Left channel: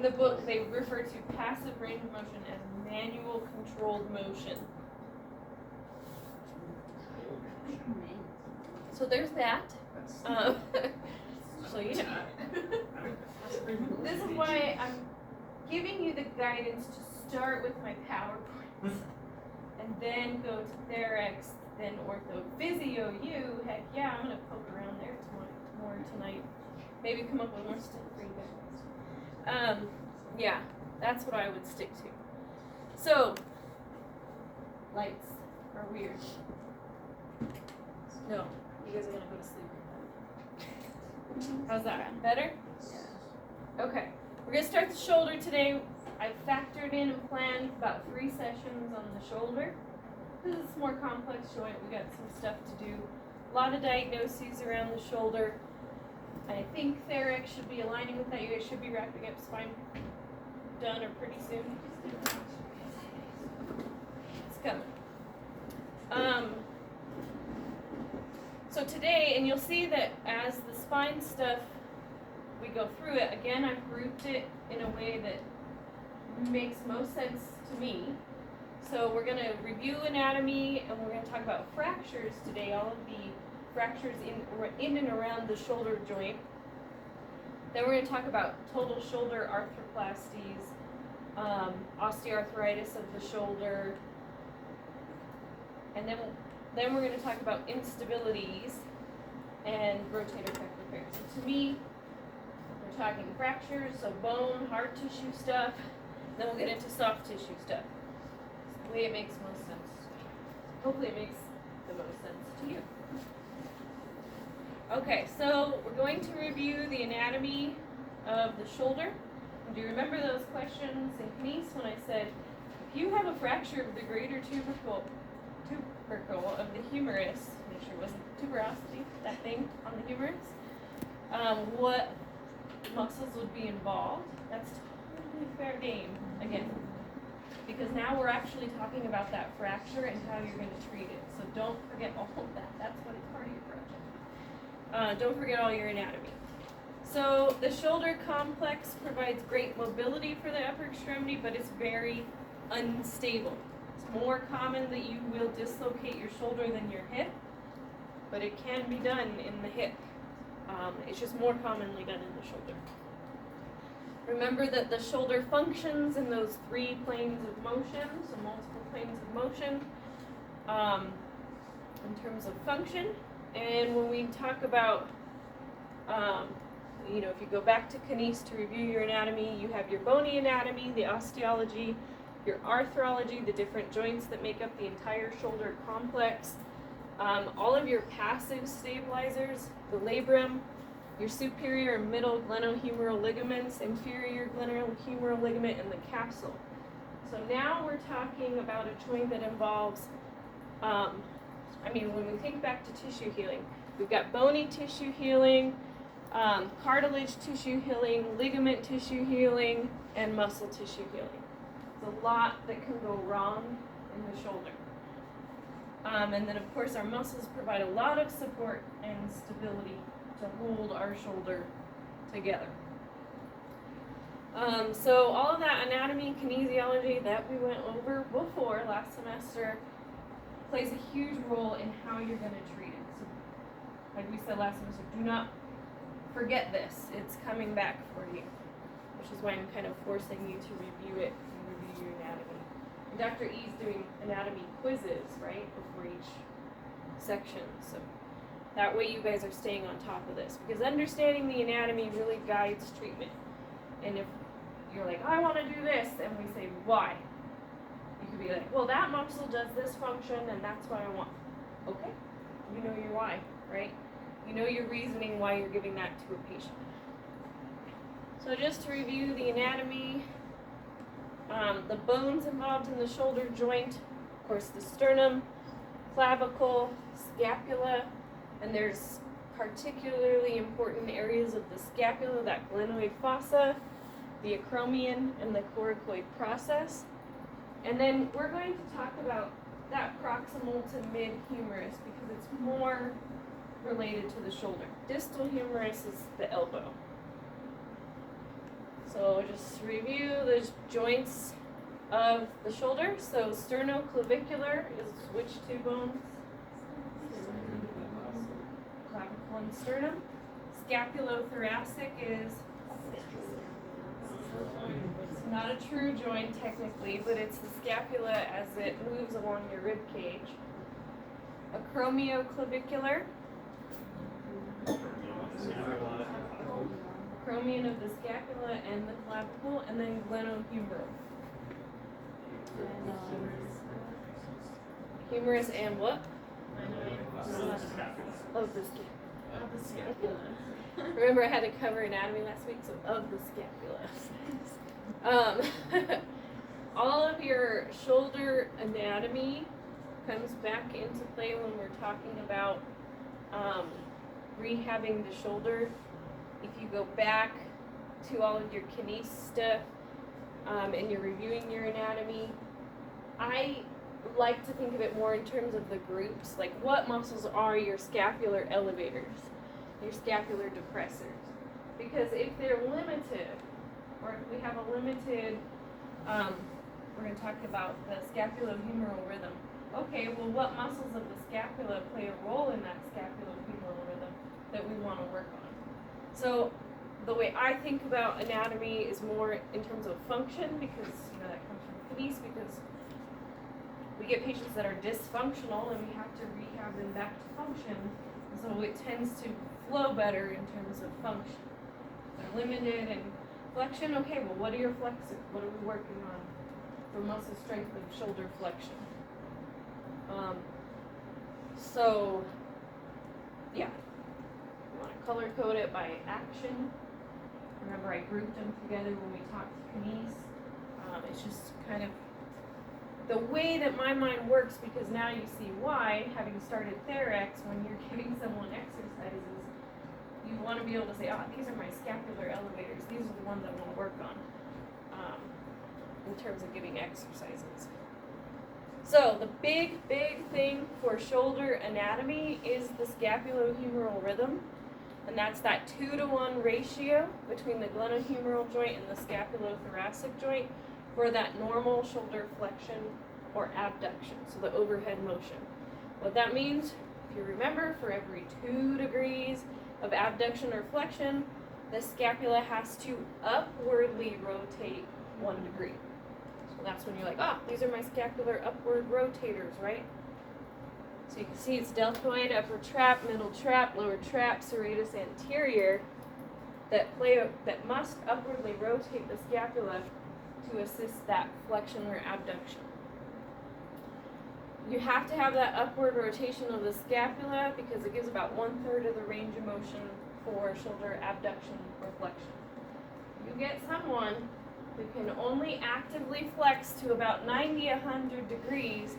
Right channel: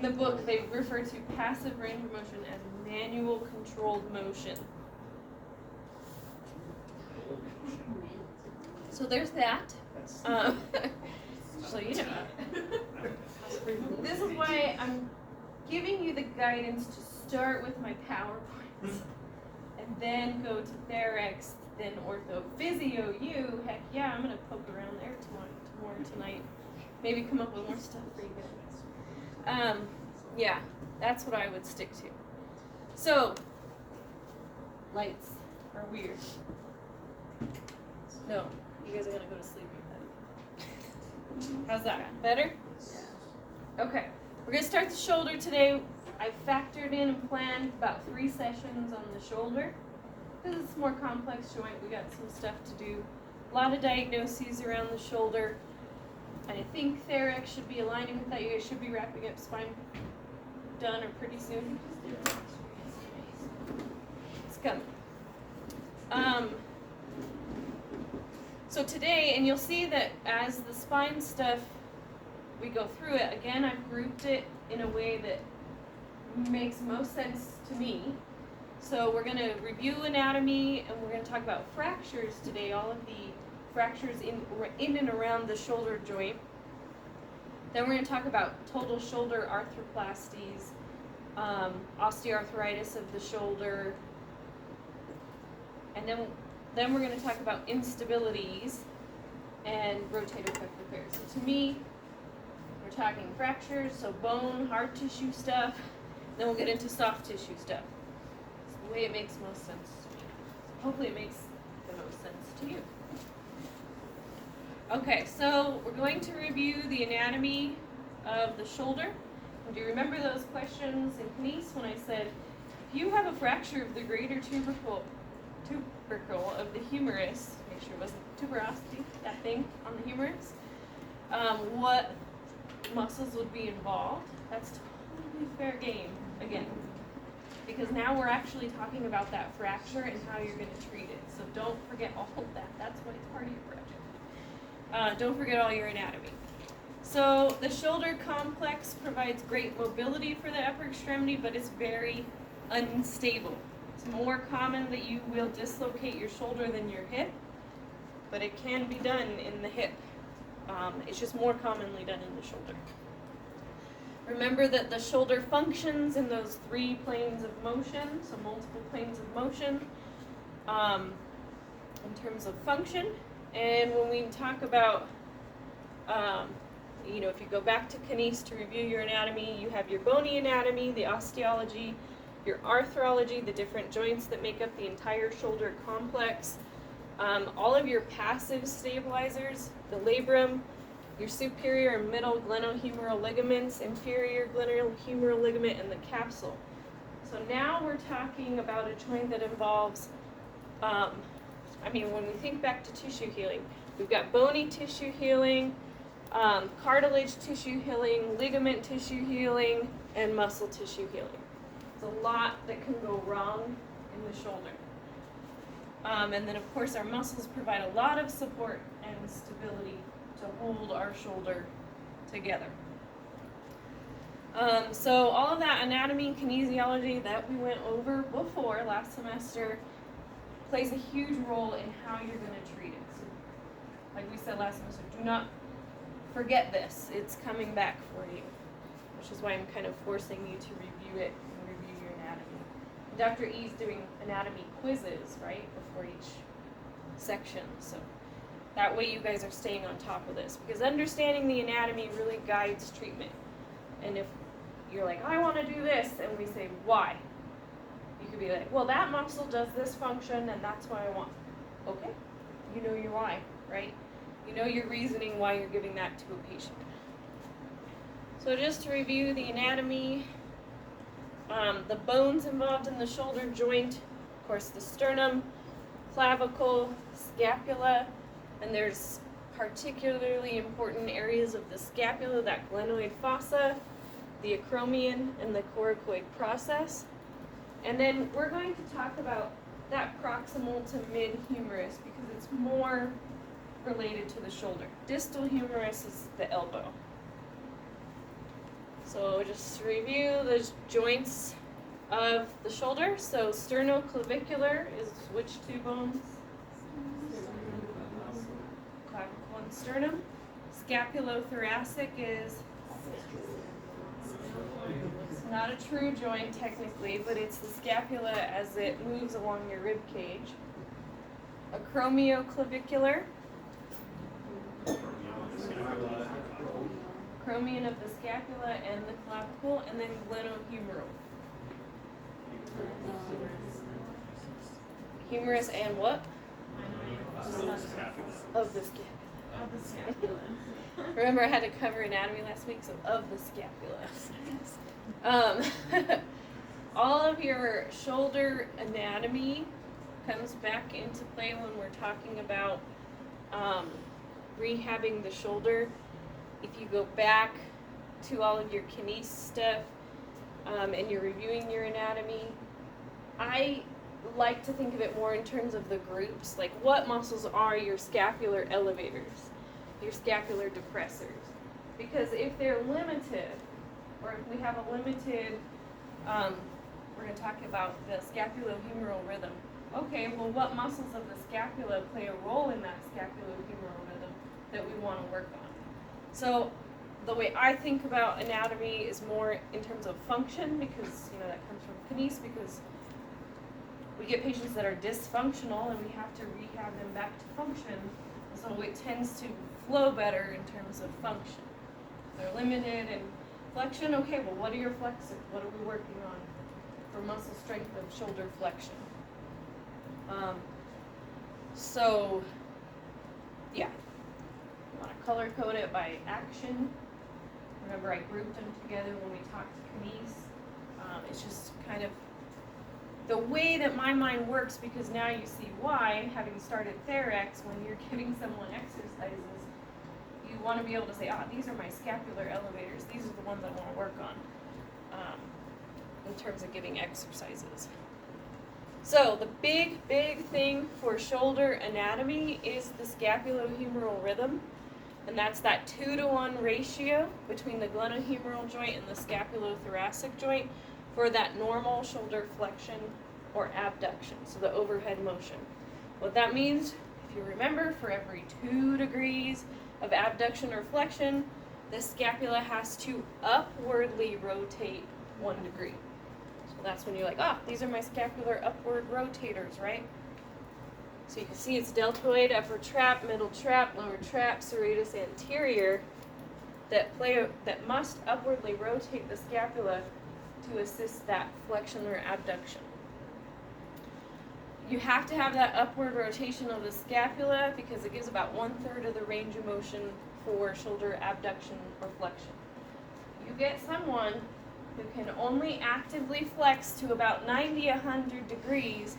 In the book, they refer to passive range of motion as manual controlled motion. So there's that. So you know. This is why I'm giving you the guidance to start with my PowerPoints, and then go to Therex, then Ortho, Physio, you. Heck yeah, I'm gonna poke around there tomorrow tonight. Maybe come up with more stuff for you guys. Yeah, that's what I would stick to. So, lights are weird. No, you guys are gonna go to sleep with them. How's that? Better? Okay, we're gonna start the shoulder today. I've factored in and planned about 3 sessions on the shoulder. Because it's a more complex joint, we got some stuff to do. A lot of diagnoses around the shoulder. I think Therex should be aligning with that. You guys should be wrapping up spine done or pretty soon. It's coming. So today, and you'll see that as the spine stuff, we go through it, again, I've grouped it in a way that makes most sense to me. So we're going to review anatomy, and we're going to talk about fractures today, all of the fractures in and around the shoulder joint. Then we're going to talk about total shoulder arthroplasties, osteoarthritis of the shoulder, and then we're going to talk about instabilities and rotator cuff repair. So to me, we're talking fractures, so bone, hard tissue stuff, then we'll get into soft tissue stuff. It's the way it makes most sense. Hopefully it makes the most sense to you. Okay, so we're going to review the anatomy of the shoulder. Do you remember those questions in Kines when I said, if you have a fracture of the greater tubercle of the humerus, make sure it wasn't tuberosity, that thing on the humerus, what muscles would be involved? That's totally fair game, again, because now we're actually talking about that fracture and how you're going to treat it. So don't forget all of that. That's what it's part of your project. Don't forget all your anatomy. So the shoulder complex provides great mobility for the upper extremity, but it's very unstable. It's more common that you will dislocate your shoulder than your hip, but it can be done in the hip. It's just more commonly done in the shoulder. Remember that the shoulder functions in those 3 planes of motion, so multiple planes of motion in terms of function. And when we talk about, if you go back to Kines to review your anatomy, you have your bony anatomy, the osteology, your arthrology, the different joints that make up the entire shoulder complex, all of your passive stabilizers, the labrum, your superior and middle glenohumeral ligaments, inferior glenohumeral ligament, and the capsule. So now we're talking about a joint that involves, when we think back to tissue healing, we've got bony tissue healing, cartilage tissue healing, ligament tissue healing, and muscle tissue healing. There's a lot that can go wrong in the shoulder. And then of course our muscles provide a lot of support and stability to hold our shoulder together. So all of that anatomy, kinesiology that we went over before last semester plays a huge role in how you're going to treat it. So, like we said last semester, do not forget this. It's coming back for you, which is why I'm kind of forcing you to review it and review your anatomy. And Dr. E's doing anatomy quizzes, right, before each section. So that way you guys are staying on top of this, because understanding the anatomy really guides treatment. And if you're like, I want to do this, and we say, why? You could be like, well, that muscle does this function, and that's what I want. Okay, you know your why, right? You know your reasoning why you're giving that to a patient. So just to review the anatomy, the bones involved in the shoulder joint, of course, the sternum, clavicle, scapula, and there's particularly important areas of the scapula, that glenoid fossa, the acromion, and the coracoid process. And then we're going to talk about that proximal to mid-humerus because it's more related to the shoulder. Distal humerus is the elbow. So just review the joints of the shoulder. So sternoclavicular is which two bones? Clavicle and sternum. Scapulothoracic is not a true joint technically, but it's the scapula as it moves along your rib cage. Acromioclavicular. Acromion of the scapula and the clavicle, and then glenohumeral. Humerus and what? Of the scapula. Remember I had to cover anatomy last week, so of the scapula. All of your shoulder anatomy comes back into play when we're talking about rehabbing the shoulder. If you go back to all of your kines stuff and you're reviewing your anatomy, I like to think of it more in terms of the groups. Like, what muscles are your scapular elevators, your scapular depressors? Because if they're limited, or if we have a limited, we're going to talk about the scapulohumeral rhythm. Okay, well, what muscles of the scapula play a role in that scapulohumeral rhythm that we want to work on? So the way I think about anatomy is more in terms of function, because that comes from kines, because we get patients that are dysfunctional and we have to rehab them back to function, so it tends to flow better in terms of function. They're limited in flexion. Okay, well, what are your flexors? What are we working on for muscle strength of shoulder flexion? So yeah, you want to color code it by action. Remember, I grouped them together when we talked kines. It's just kind of the way that my mind works, because now you see why, having started Therex, when you're giving someone exercises, you want to be able to say, these are my scapular elevators. These are the ones I want to work on in terms of giving exercises. So the big thing for shoulder anatomy is the scapulohumeral rhythm, and that's that 2-to-1 ratio between the glenohumeral joint and the scapulothoracic joint for that normal shoulder flexion or abduction, so the overhead motion. What that means, if you remember, for every 2 degrees of abduction or flexion, the scapula has to upwardly rotate 1 degree. That's when you're like, these are my scapular upward rotators, right? So you can see it's deltoid, upper trap, middle trap, lower trap, serratus anterior that must upwardly rotate the scapula to assist that flexion or abduction. You have to have that upward rotation of the scapula because it gives about 1/3 of the range of motion for shoulder abduction or flexion. You get someone who can only actively flex to about 90-100 degrees,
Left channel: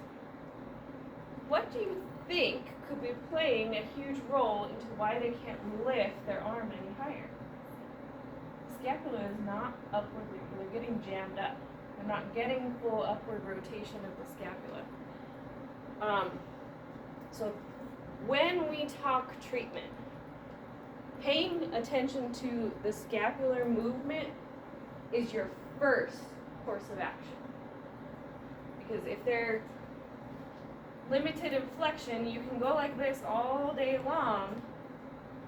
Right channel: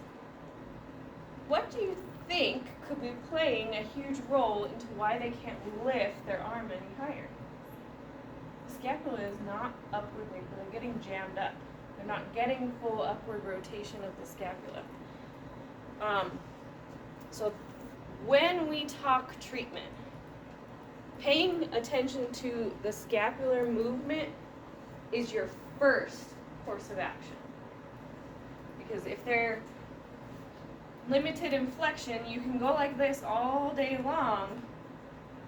what do you think could be playing a huge role into why they can't lift their arm any higher? The scapula is not upwardly, they're getting jammed up. They're not getting full upward rotation of the scapula. So when we talk treatment, paying attention to the scapular movement is your first course of action. Because if they're limited in flexion, you can go like this all day long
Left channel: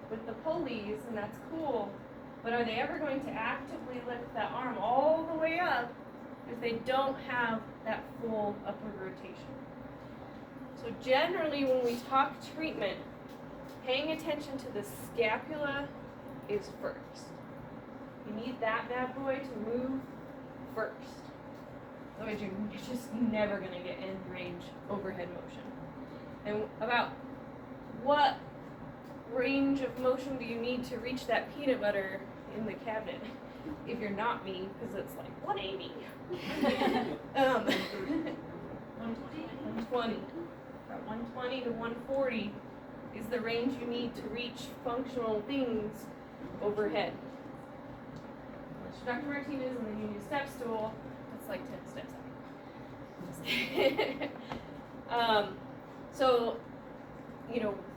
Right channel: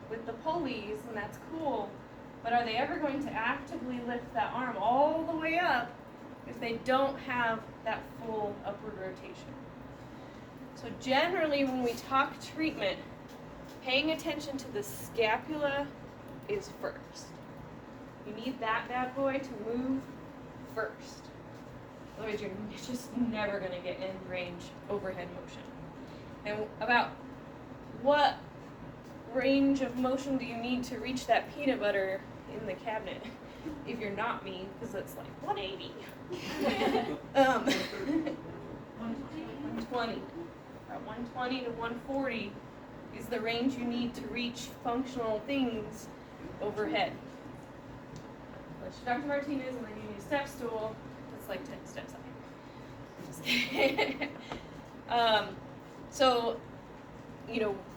with the pulleys, and that's cool, but are they ever going to actively lift that arm all the way up if they don't have that full upward rotation? So generally when we talk treatment, paying attention to the scapula is first. You need that bad boy to move first. Otherwise you're just never going to get end range overhead motion. And about what range of motion do you need to reach that peanut butter in the cabinet? If you're not me, because it's like 180. 120. About 120 to 140 is the range you need to reach functional things overhead. Dr. Martinez, and then you need a step stool. It's like 10 steps up. So,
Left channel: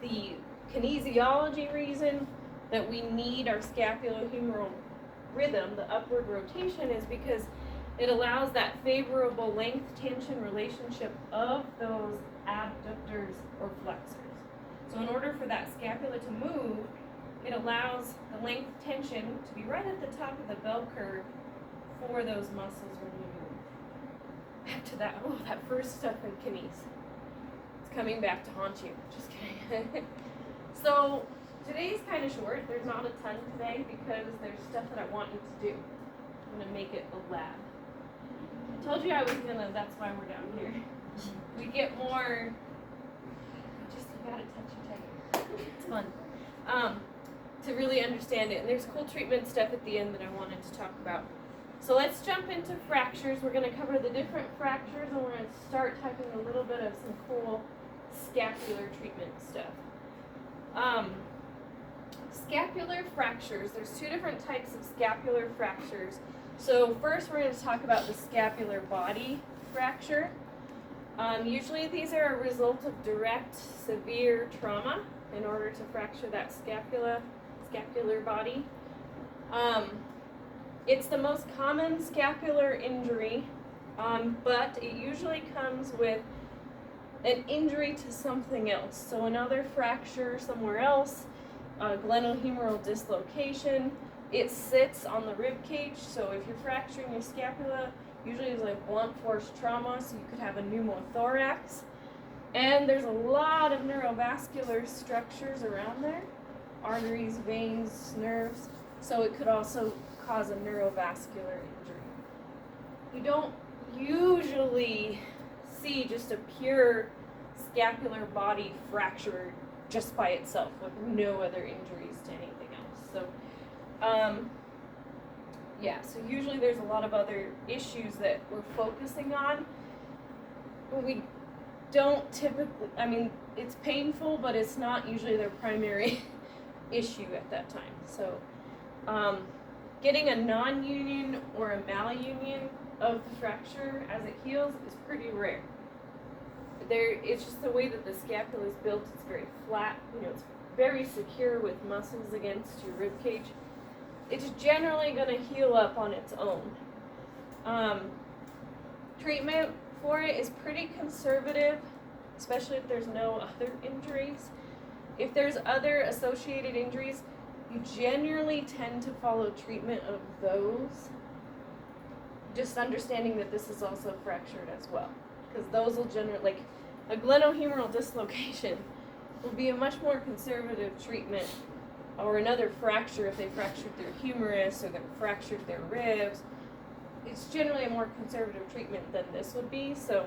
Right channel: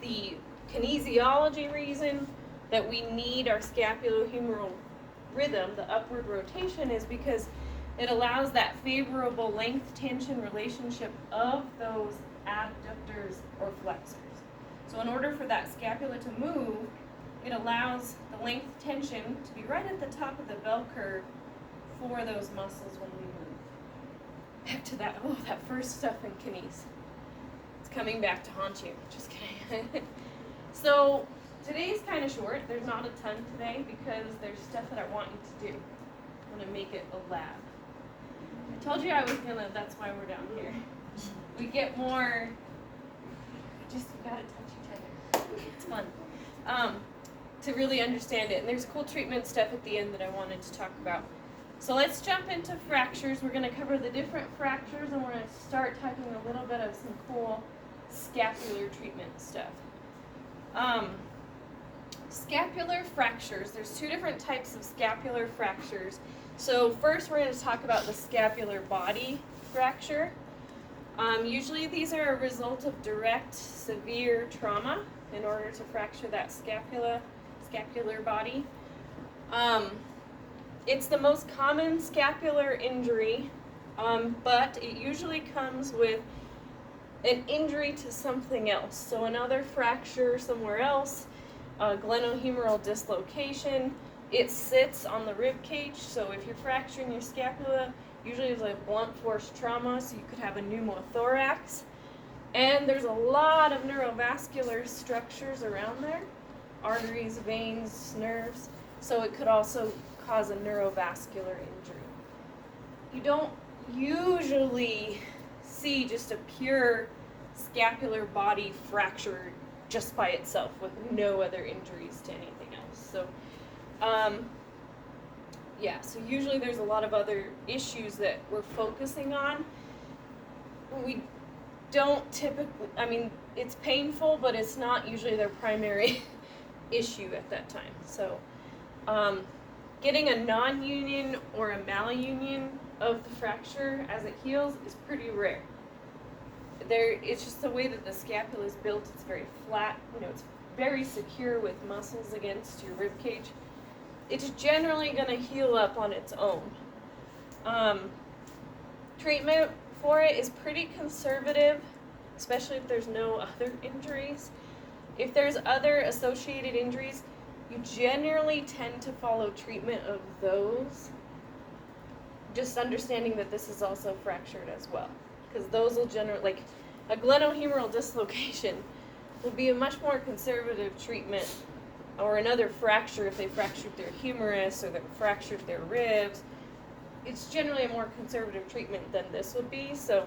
the kinesiology reason that we need our scapulohumeral rhythm, the upward rotation, is because it allows that favorable length-tension relationship of those abductors or flexors. So in order for that scapula to move, it allows the length tension to be right at the top of the bell curve for those muscles when we move. Back to that, that first stuff in kines. It's coming back to haunt you. Just kidding. So today's kind of short. There's not a ton today because there's stuff that I want you to do. I'm going to make it a lab. I told you I was going to, that's why we're down here. We get more, you got to touch each other. It's fun. To really understand it. And there's cool treatment stuff at the end that I wanted to talk about. So let's jump into fractures. We're going to cover the different fractures, and we're going to start talking a little bit of some cool scapular treatment stuff. Scapular fractures. There's two different types of scapular fractures. So first we're going to talk about the scapular body fracture. Usually these are a result of direct severe trauma in order to fracture that scapular body. It's the most common scapular injury, but it usually comes with an injury to something else. So another fracture somewhere else, glenohumeral dislocation. It sits on the rib cage, so if you're fracturing your scapula, usually it's like blunt force trauma, so you could have a pneumothorax. And there's a lot of neurovascular structures around there, arteries, veins, nerves, so it could also cause a neurovascular injury. You don't usually see just a pure scapular body fracture just by itself with no other injuries to anything else. So, so usually there's a lot of other issues that we're focusing on. We don't typically, it's painful, but it's not usually their primary issue at that time. So, getting a non-union or a malunion of the fracture as it heals is pretty rare. It's just the way that the scapula is built. It's very flat. It's very secure with muscles against your rib cage. It's generally going to heal up on its own. Treatment for it is pretty conservative, especially if there's no other injuries. If there's other associated injuries, you generally tend to follow treatment of those, just understanding that this is also fractured as well. Because those will generally, like a glenohumeral dislocation, will be a much more conservative treatment, or another fracture if they fractured their humerus or they fractured their ribs. It's generally a more conservative treatment than this would be. So,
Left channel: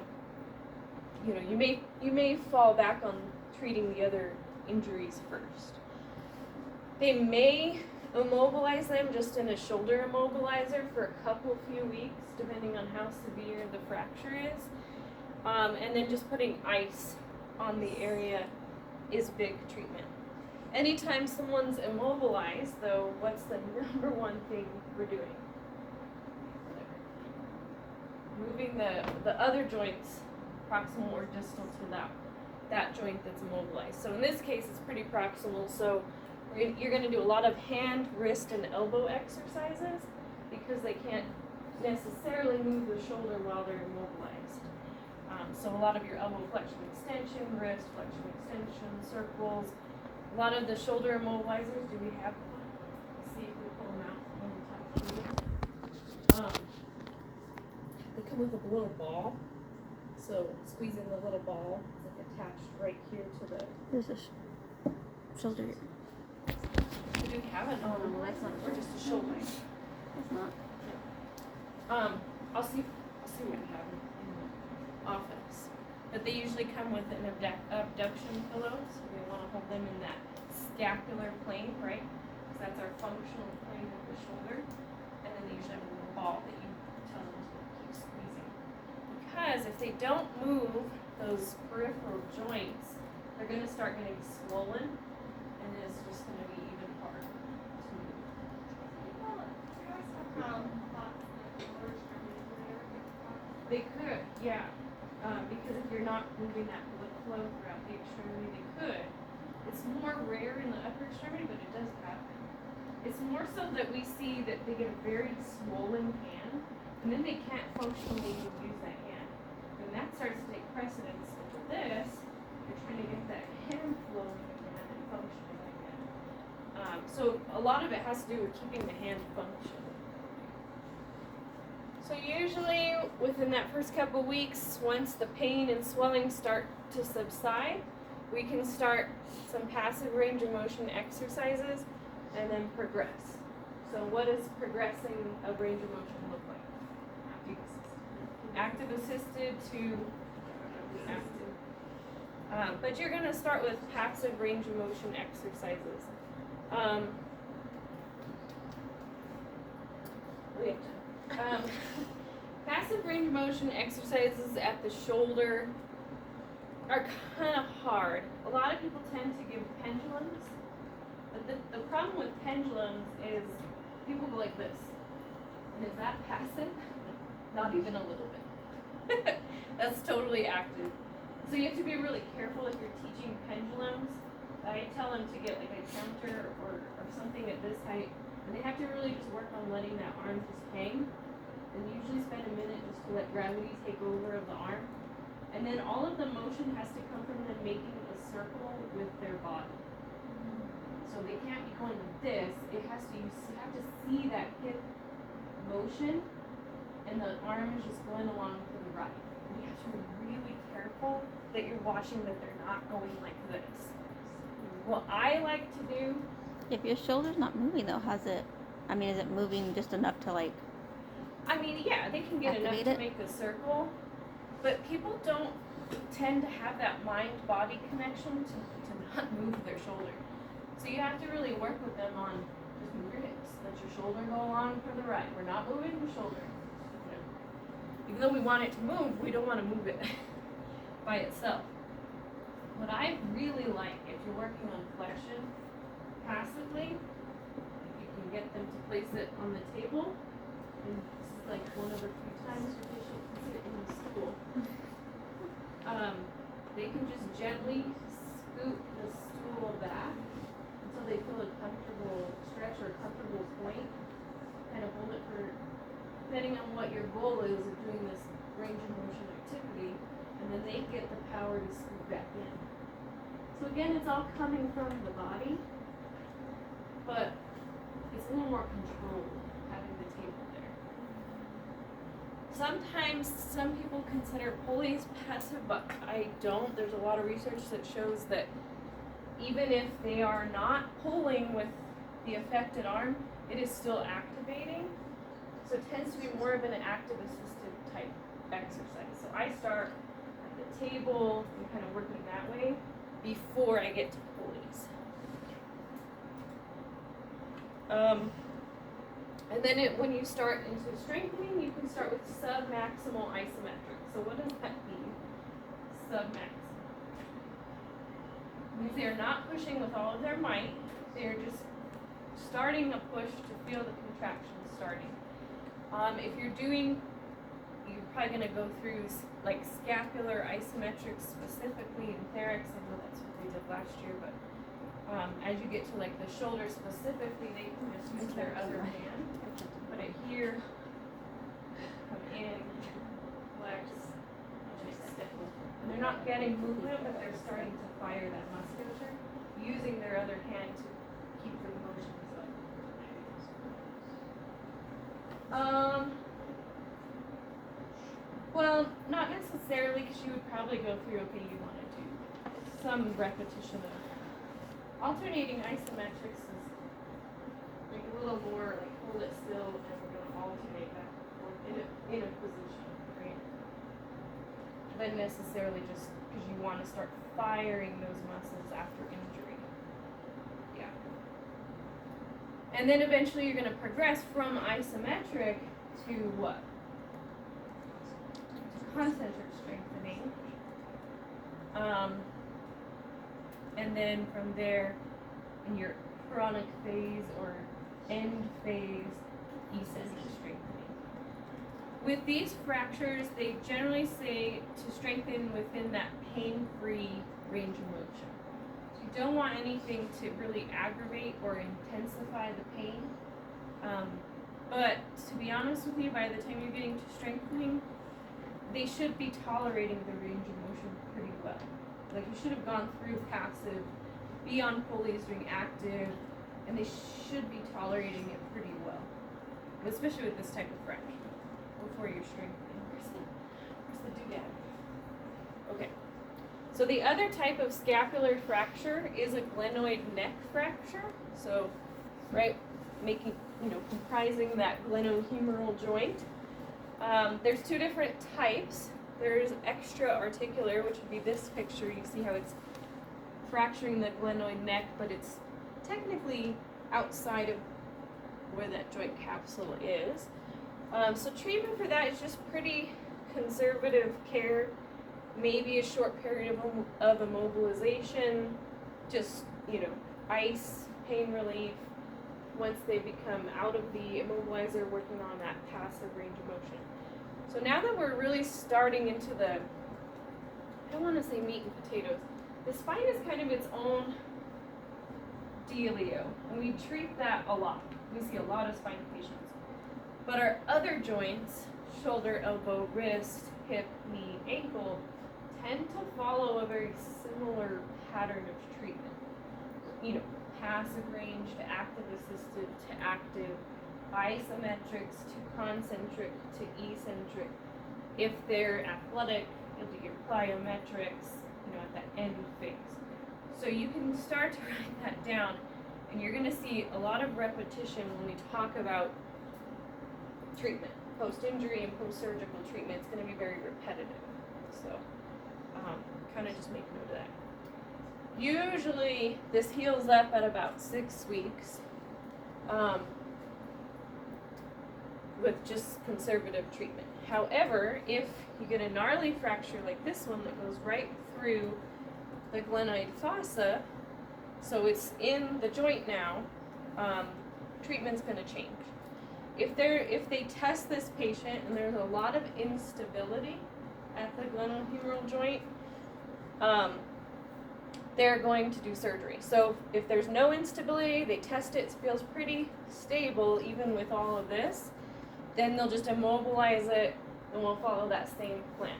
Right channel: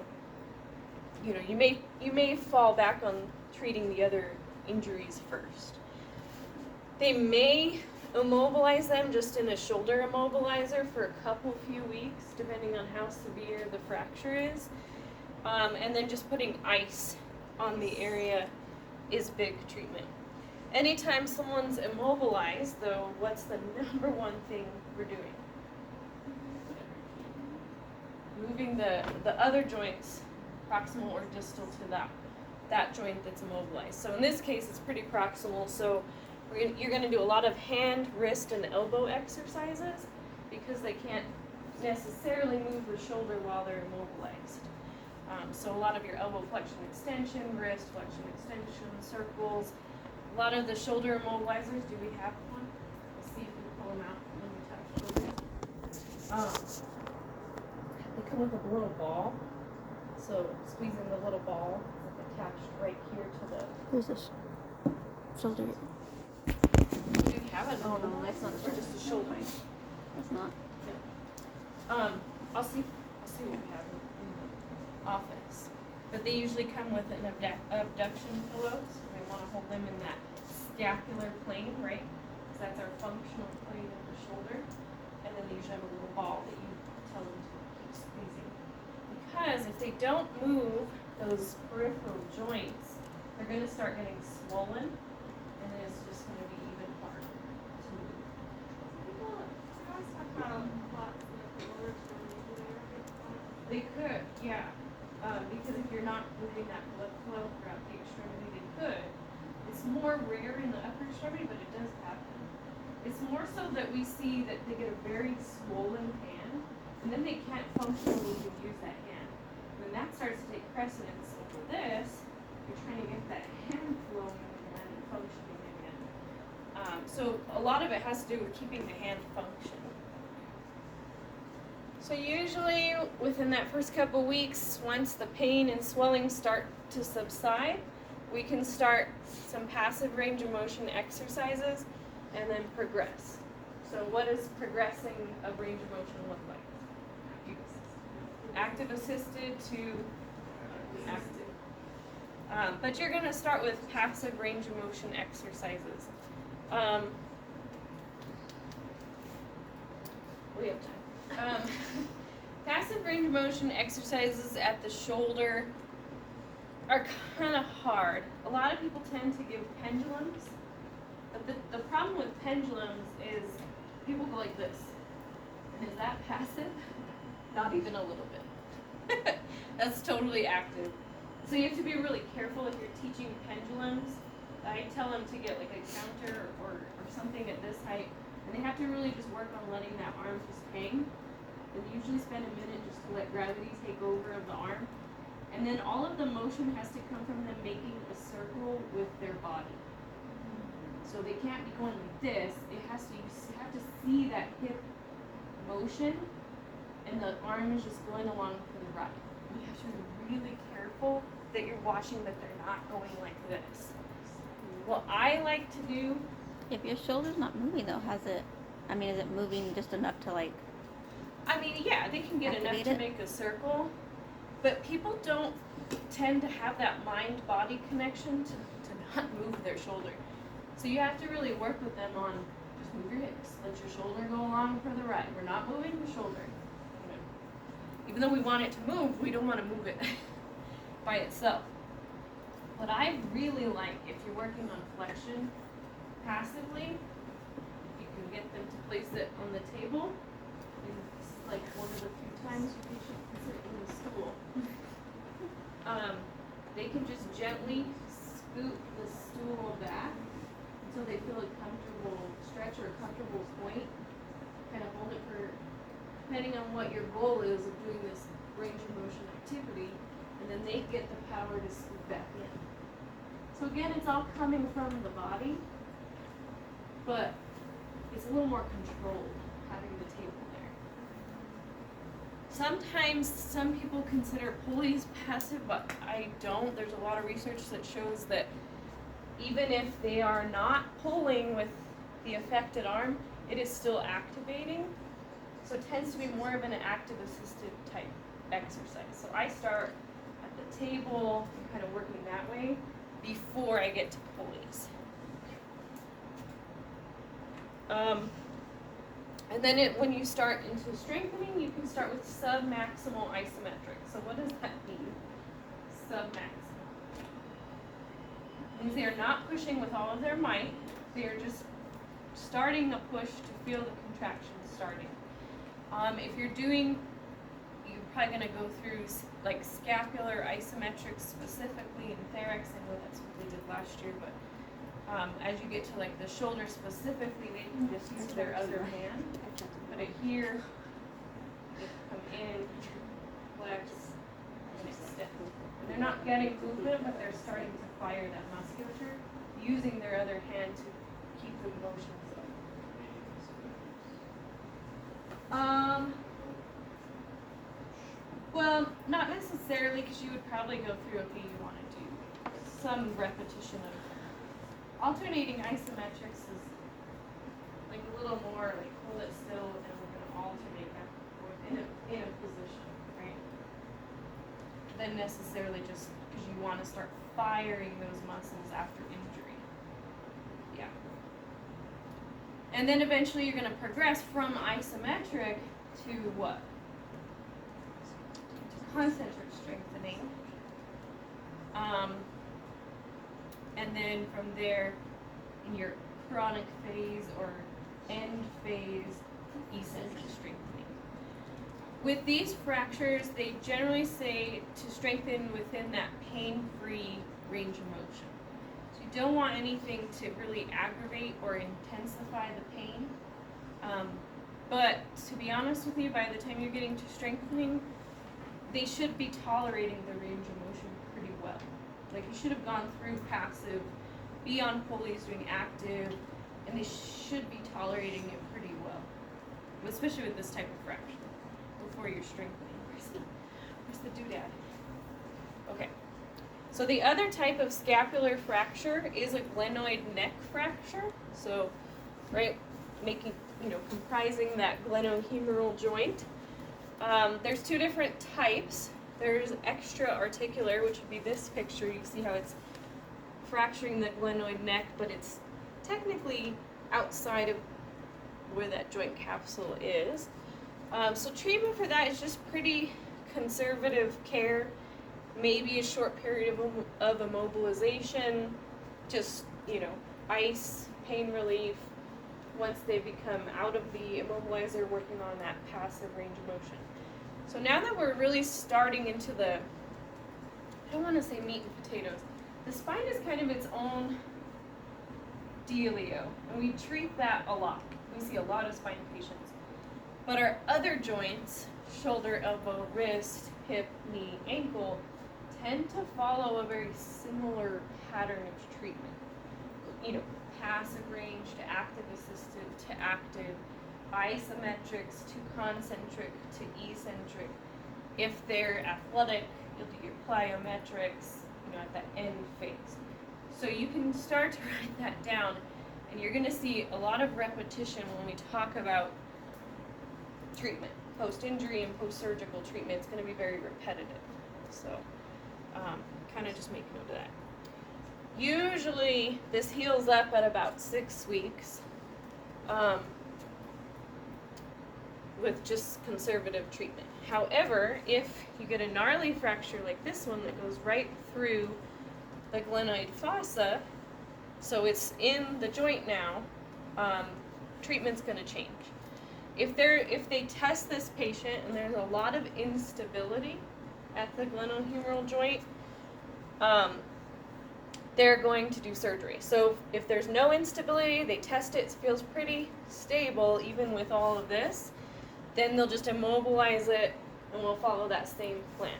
you may fall back on treating the other injuries first. They may immobilize them just in a shoulder immobilizer for a few weeks, depending on how severe the fracture is. And then just putting ice on the area is big treatment. Anytime someone's immobilized, though, what's the number one thing we're doing? Moving the other joints, proximal or distal, to that joint that's immobilized. So in this case, it's pretty proximal. So you're going to do a lot of hand, wrist, and elbow exercises because they can't necessarily move the shoulder while they're immobilized. So a lot of your elbow flexion extension, wrist flexion extension, circles. A lot of the shoulder immobilizers, do we have one? Let's see if we pull them out when we touch. They come with a little ball. So squeezing the little ball is attached right here to the... There's this shoulder. You could have it. Oh, no, that's not. Or just the shoulder. It's not. Yeah. I'll see what we have in the office. But they usually come with an abduction pillow, so we want to hold them in that scapular plane, right? Because that's our functional plane of the shoulder. And then they usually have a little ball that you tell them to keep squeezing. Because if they don't move those peripheral joints, they're going to start getting swollen, and then it's just going to be even harder to move. They could, yeah. Because if you're not moving that blood flow throughout the extremity, they could. It's more rare in the upper extremity, but it does happen. It's more so that we see that they get a very swollen hand, and then they can't functionally even use that hand. Then that starts to take precedence over this. You're trying to get that hand flowing again and functioning again. So a lot of it has to do with keeping the hand functioning. So usually within that first couple weeks, once the pain and swelling start to subside, we can start some passive range of motion exercises and then progress. So what does progressing a range of motion look like? Active assisted to active. But you're gonna start with passive range of motion exercises. We have time. Passive range of motion exercises at the shoulder are kind of hard. A lot of people tend to give pendulums, but the problem with pendulums is people go like this. And is that passive? Not even a little bit. That's totally active. So you have to be really careful if you're teaching pendulums. I tell them to get like a counter or something at this height, and they have to really just work on letting that arm just hang. And usually spend a minute just to let gravity take over of the arm. And then all of the motion has to come from them making a circle with their body. So they can't be going like this. It has to, you have to see that hip motion, and the arm is just going along for the ride. And you have to be really careful that you're watching that they're not going like this. What I like to do. If your shoulder's not moving though, is it moving just enough to like? I mean, yeah, they can get enough to make a circle, but people don't tend to have that mind-body connection to not move their shoulder. So you have to really work with them on just move your hips, let your shoulder go along for the ride. We're not moving the shoulder. You know. Even though we want it to move, we don't want to move it by itself. What I really like, if you're working on flexion passively, you can get them to place it on the table. And this is like one of the few times your patient can sit in the stool. They can just gently scoot the stool back until they feel a comfortable stretch or a comfortable point. Kind of hold it for, depending on what your goal is of doing this range of motion activity, and then they get the power to scoot back in. So again, it's all coming from the body, but it's a little more controlled having the table there. Sometimes some people consider pulleys passive, but I don't. There's a lot of research that shows that even if they are not pulling with the affected arm, it is still activating. So it tends to be more of an active assisted type exercise. So I start at the table and kind of working that way before I get to pulleys. And then when you start into strengthening, you can start with submaximal isometric. So what does that mean? Submaximal. Means they are not pushing with all of their might. They are just starting a push to feel the contraction starting. If you're doing, you're probably going to go through like scapular isometrics specifically in thorax. I know that's what they did last year, but as you get to like the shoulder specifically, they can just use their other hand. Put it here, come in, flex, and extend. And they're not getting movement, but they're starting to fire that musculature using their other hand to keep the motions up. Well, not necessarily, because you would probably go through, okay, you want to do some repetition of alternating isometrics is like a little more like hold it still and we're going to alternate back and forth in a position, right? Than necessarily just because you want to start firing those muscles after injury. Yeah. And then eventually you're going to progress from isometric to what? To concentric strengthening. And then from there, in your chronic phase or end phase, eccentric strengthening. With these fractures, they generally say to strengthen within that pain-free range of motion. So you don't want anything to really aggravate or intensify the pain. But to be honest with you, by the time you're getting to strengthening, they should be tolerating the range of motion pretty well. Like you should have gone through passive, be on pulleys doing active, and they should be tolerating it pretty well. Especially with this type of fracture, before you're strengthening. Where's the doodad? Okay. So the other type of scapular fracture is a glenoid neck fracture. So, right, comprising that glenohumeral joint. There's two different types. There's extra-articular, which would be this picture. You see how it's fracturing the glenoid neck, but it's technically outside of where that joint capsule is. So treatment for that is just pretty conservative care, maybe a short period of immobilization, just, ice, pain relief. Once they become out of the immobilizer, working on that passive range of motion. So now that we're really starting into the, I don't want to say meat and potatoes, the spine is kind of its own dealio, and we treat that a lot. We see a lot of spine patients. But our other joints, shoulder, elbow, wrist, hip, knee, ankle, tend to follow a very similar pattern of treatment. Passive range to active assisted to active, isometrics to concentric to eccentric. If they're athletic, you'll do your plyometrics, at that end phase. So you can start to write that down, and you're gonna see a lot of repetition when we talk about treatment. Post-injury and post-surgical treatment, it's gonna be very repetitive. So, kind of just make note of that. Usually, this heals up at about 6 weeks with just conservative treatment. However, if you get a gnarly fracture like this one that goes right through the glenoid fossa, so it's in the joint now, treatment's going to change. If they test this patient and there's a lot of instability at the glenohumeral joint, they're going to do surgery. So if there's no instability, they test it feels pretty stable even with all of this, then they'll just immobilize it and we'll follow that same plan.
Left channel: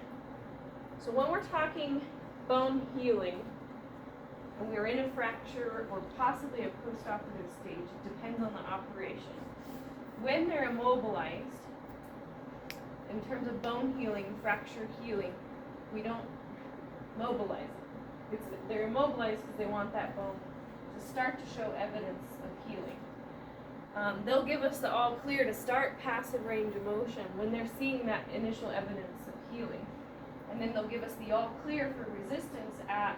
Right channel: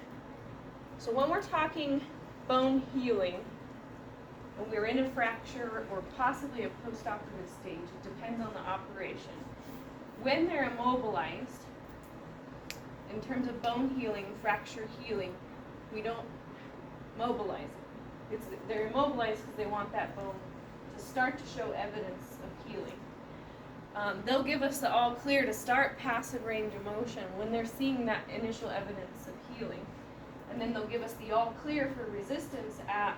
So when we're talking bone healing, and we're in a fracture or possibly a post-operative stage, it depends on the operation. When they're immobilized, in terms of bone healing, fracture healing, we don't mobilize it. They're immobilized because they want that bone to start to show evidence of healing. They'll give us the all clear to start passive range of motion when they're seeing that initial evidence of healing. And then they'll give us the all clear for resistance at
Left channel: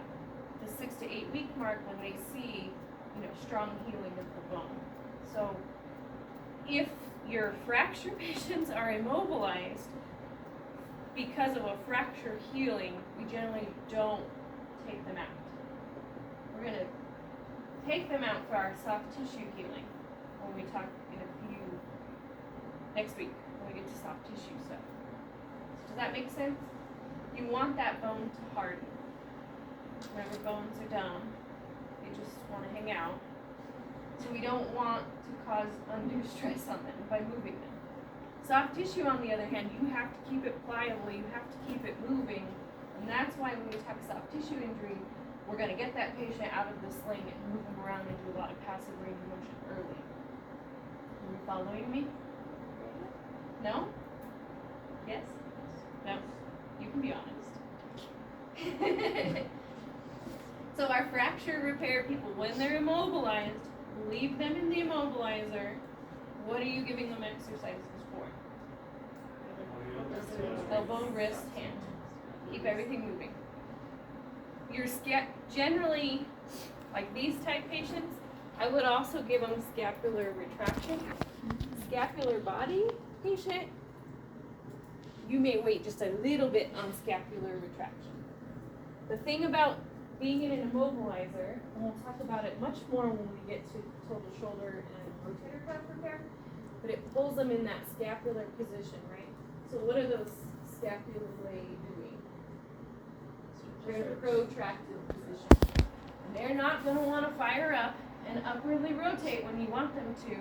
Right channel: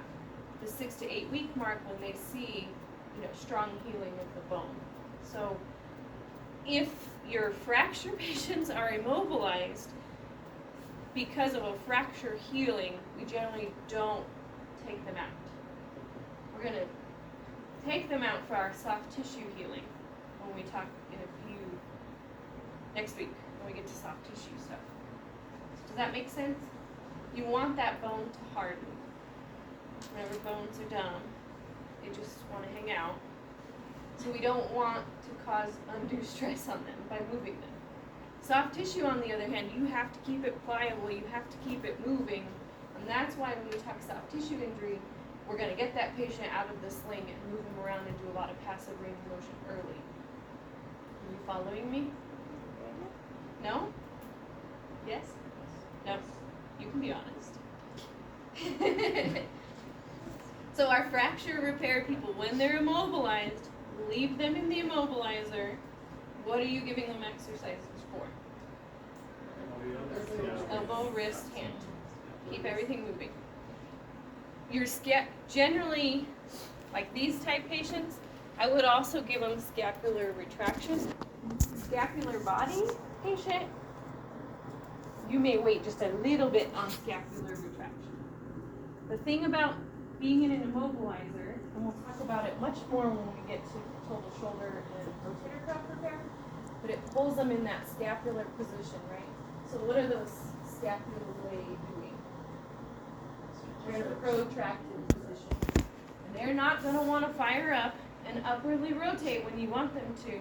the 6 to 8 week mark when they see, strong healing of the bone. So if your fracture patients are immobilized because of a fracture healing, we generally don't take them out. We're going to take them out for our soft tissue healing when we talk next week when we get to soft tissue stuff. Does that make sense? You want that bone to harden. Whenever bones are down, they just want to hang out. So we don't want to cause undue stress on them by moving them. Soft tissue, on the other hand, you have to keep it pliable, you have to keep it moving, and that's why when we talk soft tissue injury, we're going to get that patient out of the sling and move them around and do a lot of passive range of motion early. Are you following me? No? Yes? No? You can be honest. So our fracture repair people, when they're immobilized, leave them in the immobilizer. What are you giving them exercises for? Elbow, wrist, hand. Keep everything moving. Your generally, like these type patients, I would also give them scapular retractions. Scapular body patient, you may wait just a little bit on scapular retraction. The thing about being in an immobilizer, and we'll talk about it much more when we get to total shoulder and rotator cuff repair, but it pulls them in that scapular position, right? So what are those scapulae doing? They're in a protracted position. And they're not going to want to fire up and upwardly rotate when you want them to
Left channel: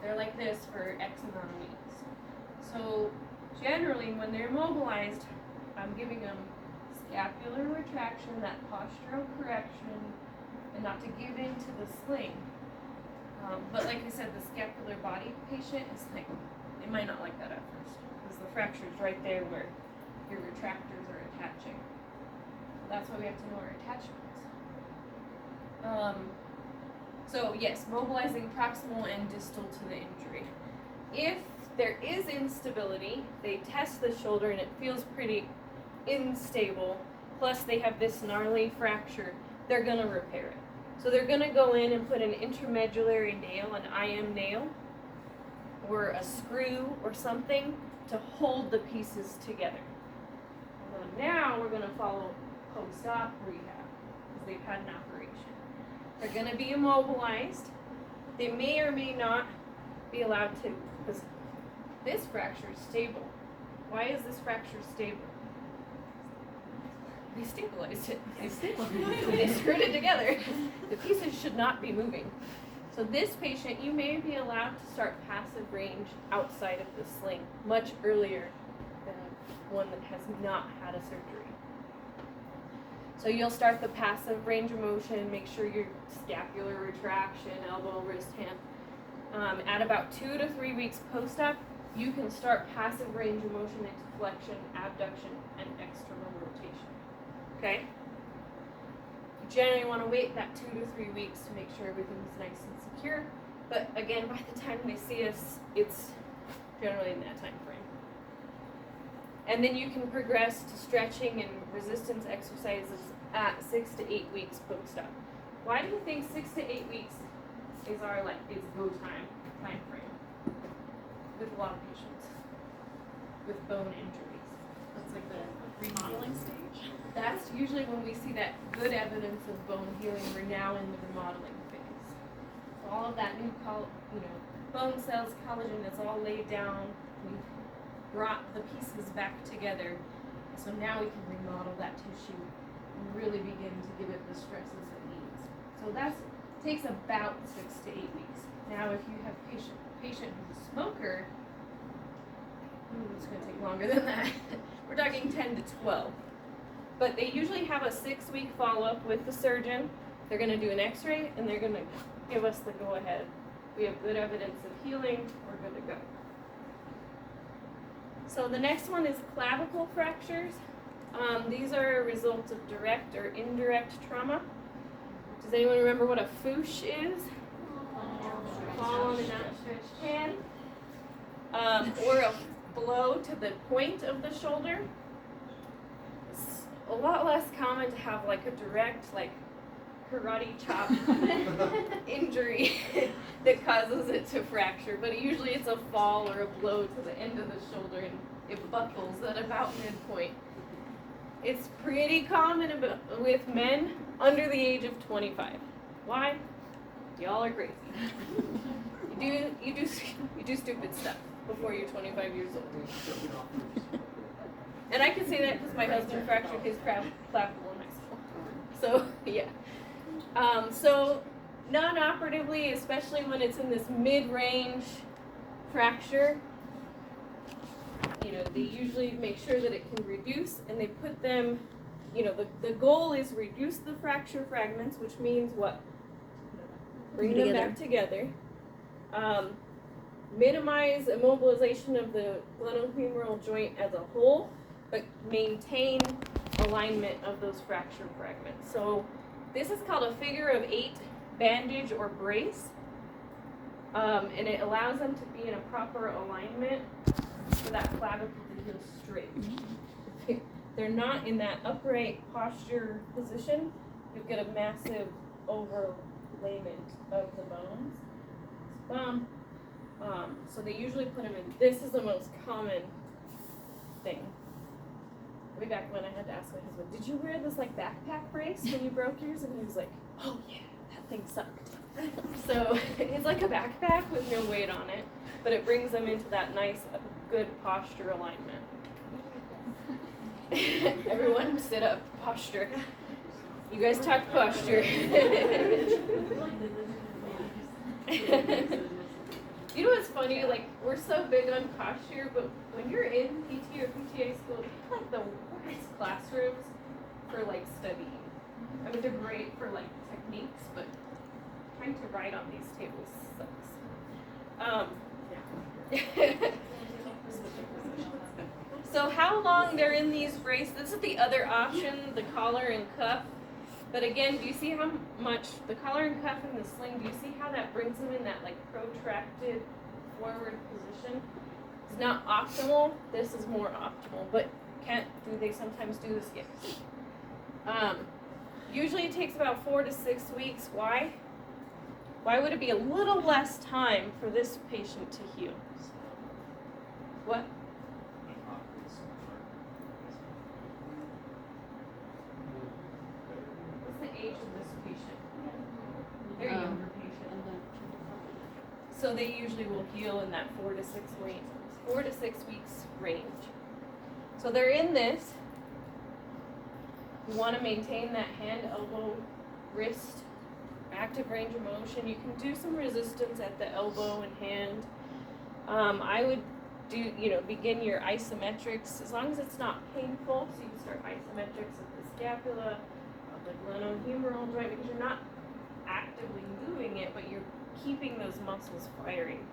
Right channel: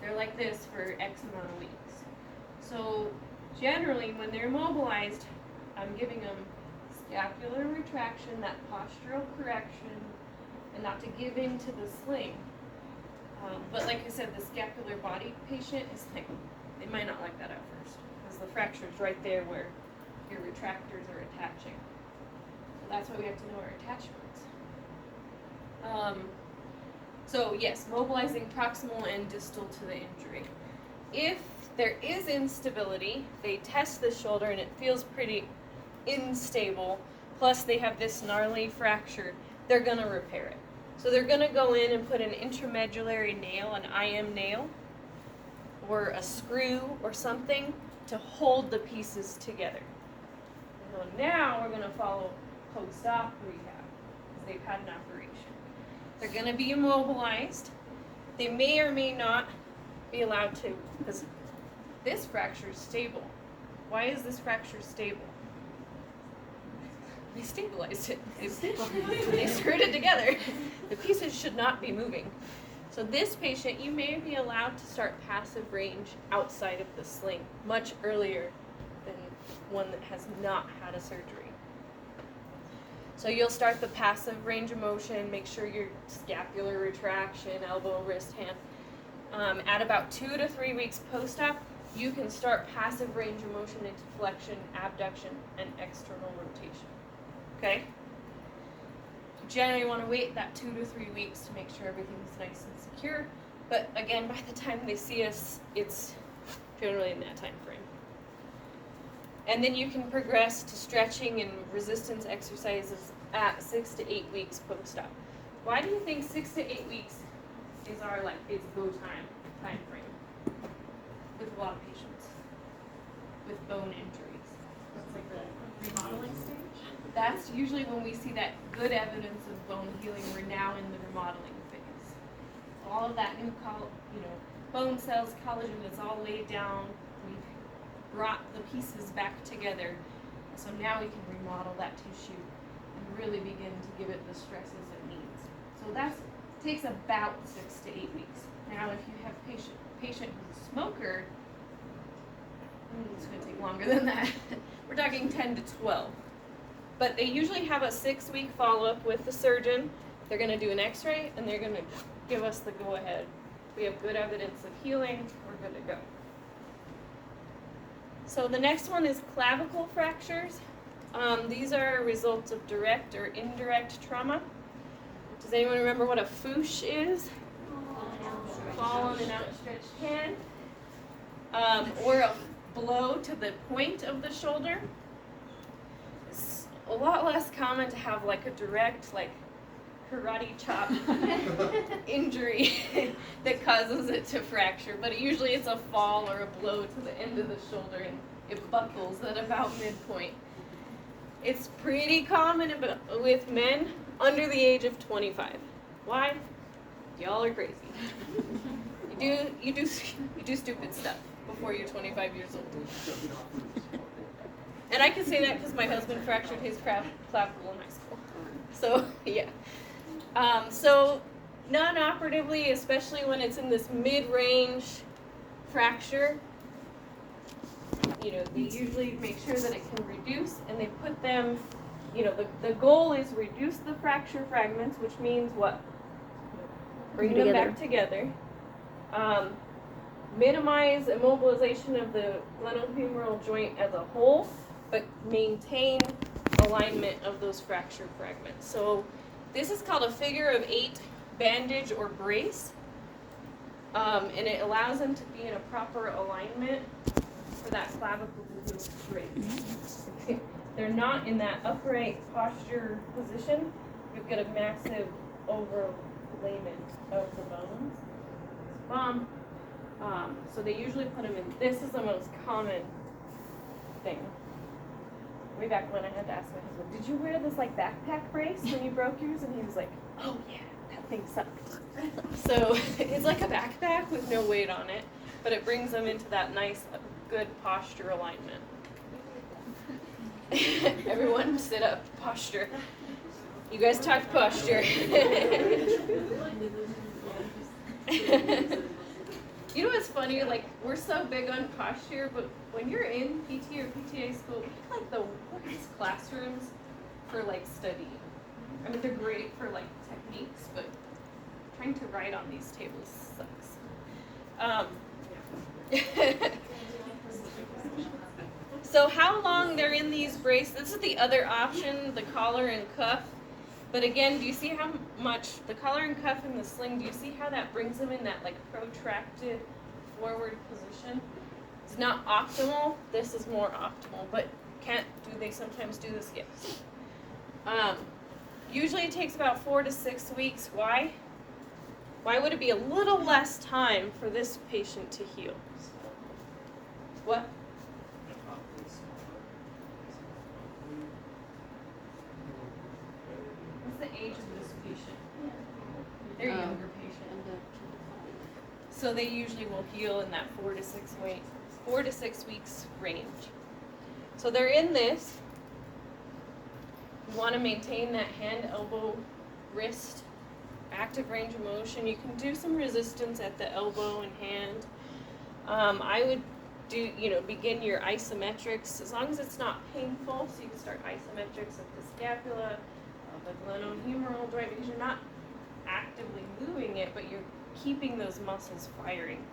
They're like this for X amount of weeks. So generally when they're immobilized, I'm giving them scapular retraction, that postural correction, and not to give in to the sling. But like I said, the scapular body patient is like, they might not like that at first, because the fracture is right there where your retractors are attaching. So that's why we have to know our attachments. So yes, mobilizing proximal and distal to the injury. If there is instability, they test the shoulder and it feels pretty unstable, plus they have this gnarly fracture, they're gonna repair it. So they're gonna go in and put an intramedullary nail, an IM nail, or a screw or something to hold the pieces together. Well, now we're gonna follow post-op rehab, because they've had an operation. They're gonna be immobilized. They may or may not be allowed to, because this fracture is stable. Why is this fracture stable? They stabilized it. They screwed it together. The pieces should not be moving. So this patient, you may be allowed to start passive range outside of the sling much earlier than one that has not had a surgery. So you'll start the passive range of motion, make sure your scapular retraction, elbow, wrist, hand. At about 2 to 3 weeks post-op, you can start passive range of motion into flexion, abduction, and external rotation. Okay? You generally want to wait that 2 to 3 weeks to make sure everything's nice and secure. But again, by the time they see us, it's generally in that time frame. And then you can progress to stretching and resistance exercises at 6 to 8 weeks post-op. Why do you think 6 to 8 weeks is go time frame with a lot of patients with bone injuries? That's like the remodeling stage? That's usually when we see that good evidence of bone healing. We're now in the remodeling phase. So all of that new bone cells, collagen, it's all laid down. We've brought the pieces back together. So now we can remodel that tissue and really begin to give it the stresses it needs. So that takes about 6 to 8 weeks. Now if you have patient who's a smoker, it's going to take longer than that. We're talking 10 to 12. But they usually have a 6-week follow-up with the surgeon. They're going to do an x-ray and they're going to give us the go-ahead. We have good evidence of healing, we're good to go. So the next one is clavicle fractures. These are a result of direct or indirect trauma. Does anyone remember what a foosh is? Fall on an outstretched hand. Or a blow to the point of the shoulder. It's a lot less common to have like a direct, like karate chop injury that causes it to fracture, but usually it's a fall or a blow to the end of the shoulder and it buckles at about midpoint. It's pretty common with men under the age of 25. Why? Y'all are crazy. You do stupid stuff before you're 25 years old. And I can say that because my husband fractured his clavicle in high school. So yeah. So non-operatively, especially when it's in this mid-range fracture, they usually make sure that it can reduce, and they put them, the goal is reduce the fracture fragments, which means what? Bring them back together. Minimize immobilization of the glenohumeral joint as a whole, but maintain alignment of those fracture fragments. So this is called a figure of 8 bandage or brace, and it allows them to be in a proper alignment for that clavicle to heal straight. If they're not in that upright posture position, you'll get a massive overlayment of the bones. It's bomb. So they usually put them in. This is the most common thing. Way back when I had to ask my husband, did you wear this like backpack brace when you broke yours? And he was like, oh yeah, that thing sucked. So it's like a backpack with no weight on it, but it brings them into that nice, good posture alignment. Everyone sit up, posture. You guys talk posture. You know what's funny? Like, we're so big on posture, but when you're in PT or PTA school, it's like the worst classrooms for like studying. I mean, they're great for like techniques, but trying to write on these tables sucks. So how long they're in these braces? This is the other option, the collar and cuff. But again, do you see how much the collar and cuff and the sling, do you see how that brings them in that like protracted forward position? It's not optimal. This is more optimal, but do they sometimes do this? Yes. Usually it takes about 4 to 6 weeks. Why? Why would it be a little less time for this patient to heal? What? What's the age of this patient? They're a younger patient. So they usually will heal in that 4 to 6 weeks range. So they're in this. You want to maintain that hand, elbow, wrist, active range of motion. You can do some resistance at the elbow and hand. I would begin your isometrics as long as it's not painful. So you can start isometrics at the scapula, of the glenohumeral joint, because you're not actively moving it, but you're keeping those muscles firing.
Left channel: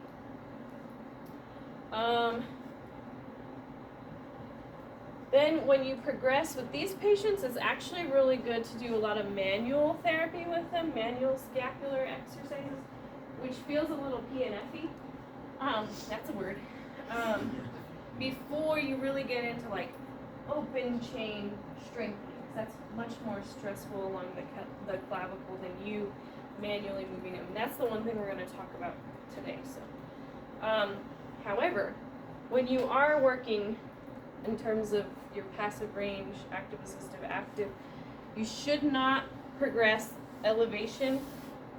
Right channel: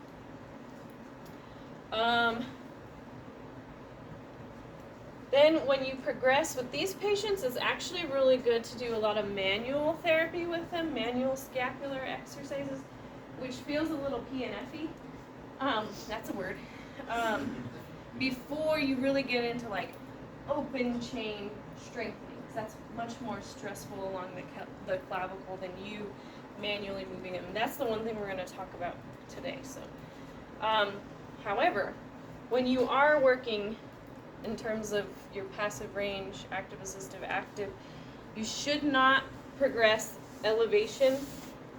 Then when you progress with these patients, it's actually really good to do a lot of manual therapy with them, manual scapular exercises, which feels a little PNF-y. That's a word. Before you really get into like open chain strengthening, because that's much more stressful along the clavicle than you manually moving them. And that's the one thing we're going to talk about today. So, however, when you are working in terms of your passive range, active, assistive, active, you should not progress elevation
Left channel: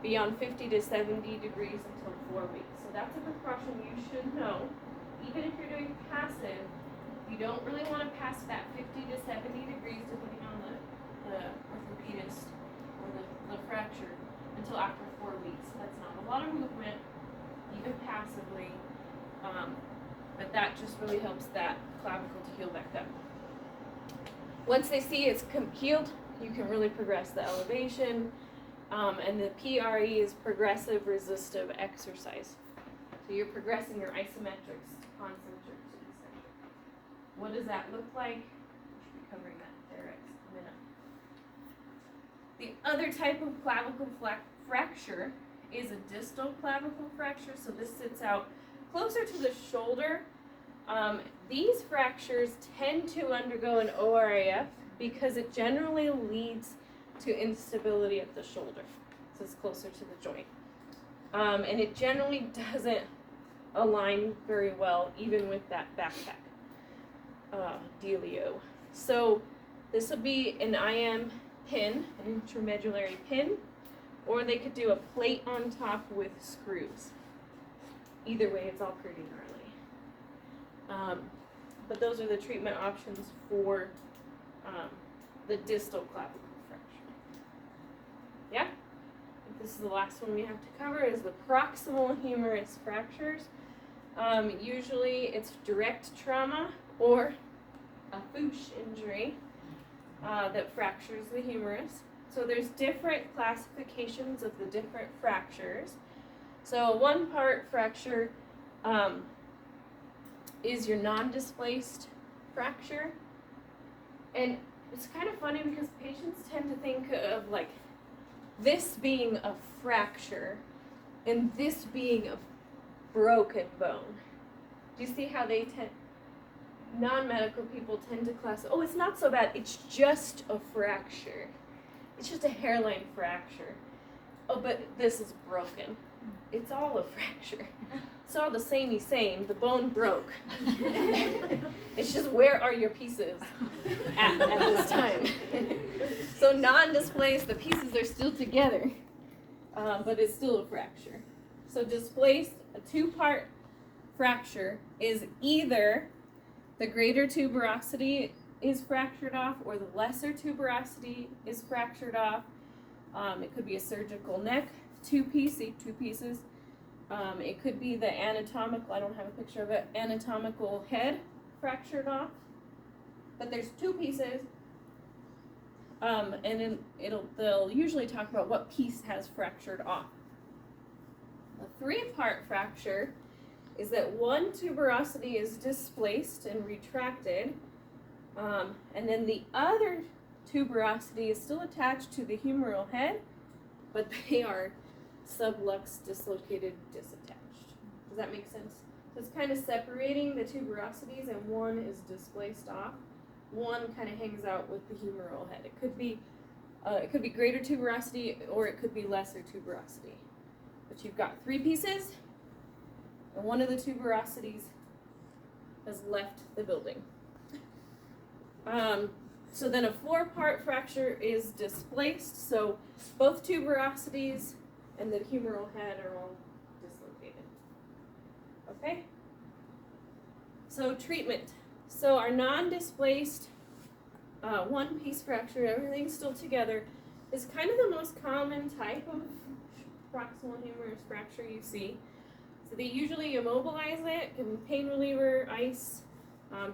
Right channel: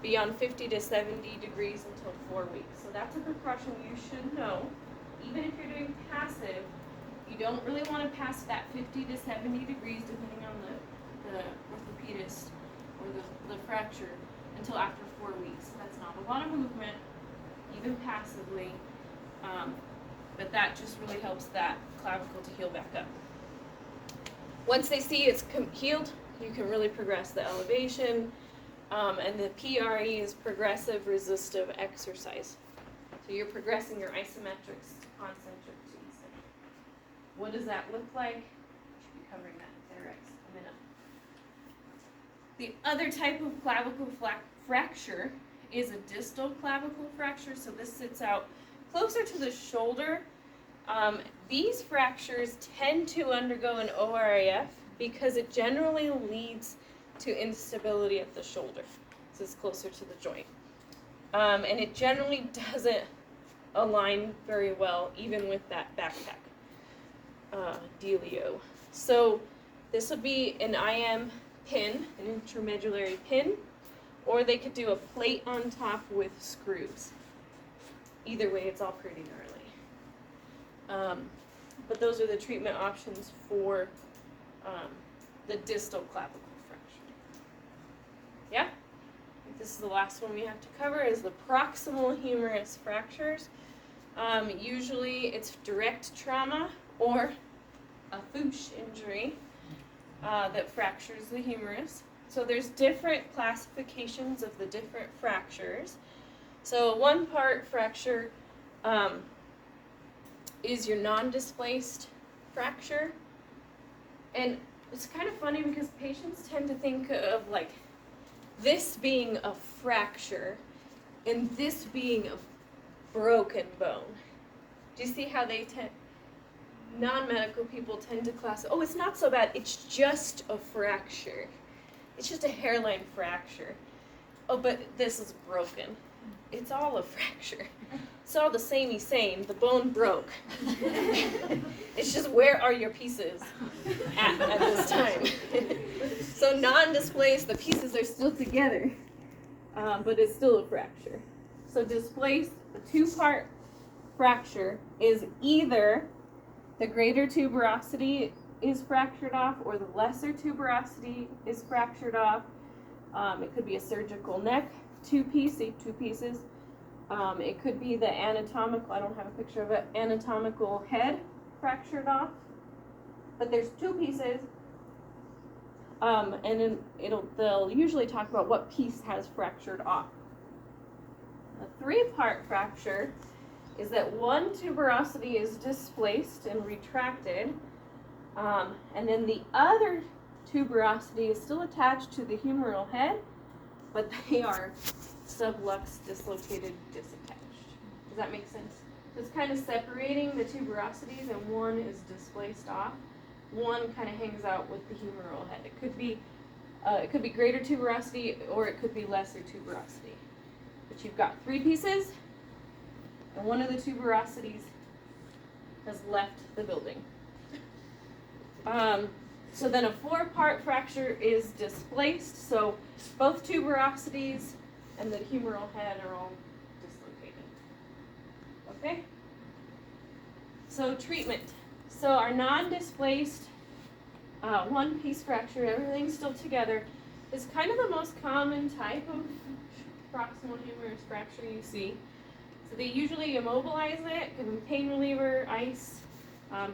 beyond 50 to 70 degrees until 4 weeks. So that's a precaution you should know. Even if you're doing passive, you don't really want to pass that 50 to 70 degrees depending on the orthopedist or the fracture until after 4 weeks. That's not a lot of movement, even passively, but that just really helps that clavicle to heal back up. Once they see it's healed, you can really progress the elevation, and the PRE is progressive resistive exercise. So you're progressing your isometrics to concentric to eccentric. What does that look like? We should be covering that there in a minute. The other type of clavicle fracture is a distal clavicle fracture. So this sits out closer to the shoulder. These fractures tend to undergo an ORAF because it generally leads to instability at the shoulder. So it's closer to the joint. And it generally doesn't align very well, even with that backpack dealio. So this would be an IM pin, an intramedullary pin, or they could do a plate on top with screws. Either way, it's all pretty gnarly. But those are the treatment options for the distal clavicle fracture. Yeah? This is the last one we have to cover, is the proximal humerus fractures. Usually it's direct trauma or a Fuchs injury that fractures the humerus. So there's different classifications of the different fractures. So a one-part fracture is your non-displaced fracture. And it's kind of funny because patients tend to think of like this being a fracture and this being a broken bone. Do you see how they non-medical people tend to classify, oh, it's not so bad, it's just a fracture. It's just a hairline fracture. Oh, but this is broken. It's all a fracture. It's all the samey same. The bone broke. It's just where are your pieces at this time? So non-displaced, the pieces are still together, but it's still a fracture. So displaced, a two-part fracture is either the greater tuberosity is fractured off or the lesser tuberosity is fractured off. It could be a surgical neck, two pieces, It could be the anatomical, I don't have a picture of it, anatomical head fractured off. But there's two pieces. And then they'll usually talk about what piece has fractured off. A 3-part fracture is that one tuberosity is displaced and retracted, and then the other tuberosity is still attached to the humeral head, but they are sublux dislocated, disattached. Does that make sense? So it's kind of separating the tuberosities, and one is displaced off. One kind of hangs out with the humeral head. It could be greater tuberosity, or it could be lesser tuberosity. But you've got 3 pieces, and one of the tuberosities has left the building. So then a 4-part fracture is displaced, so both tuberosities and the humeral head are all dislocated. Okay? So treatment. So our non-displaced 1-piece fracture, everything's still together, is kind of the most common type of proximal humerus fracture you see. So they usually immobilize it, give them pain reliever, ice,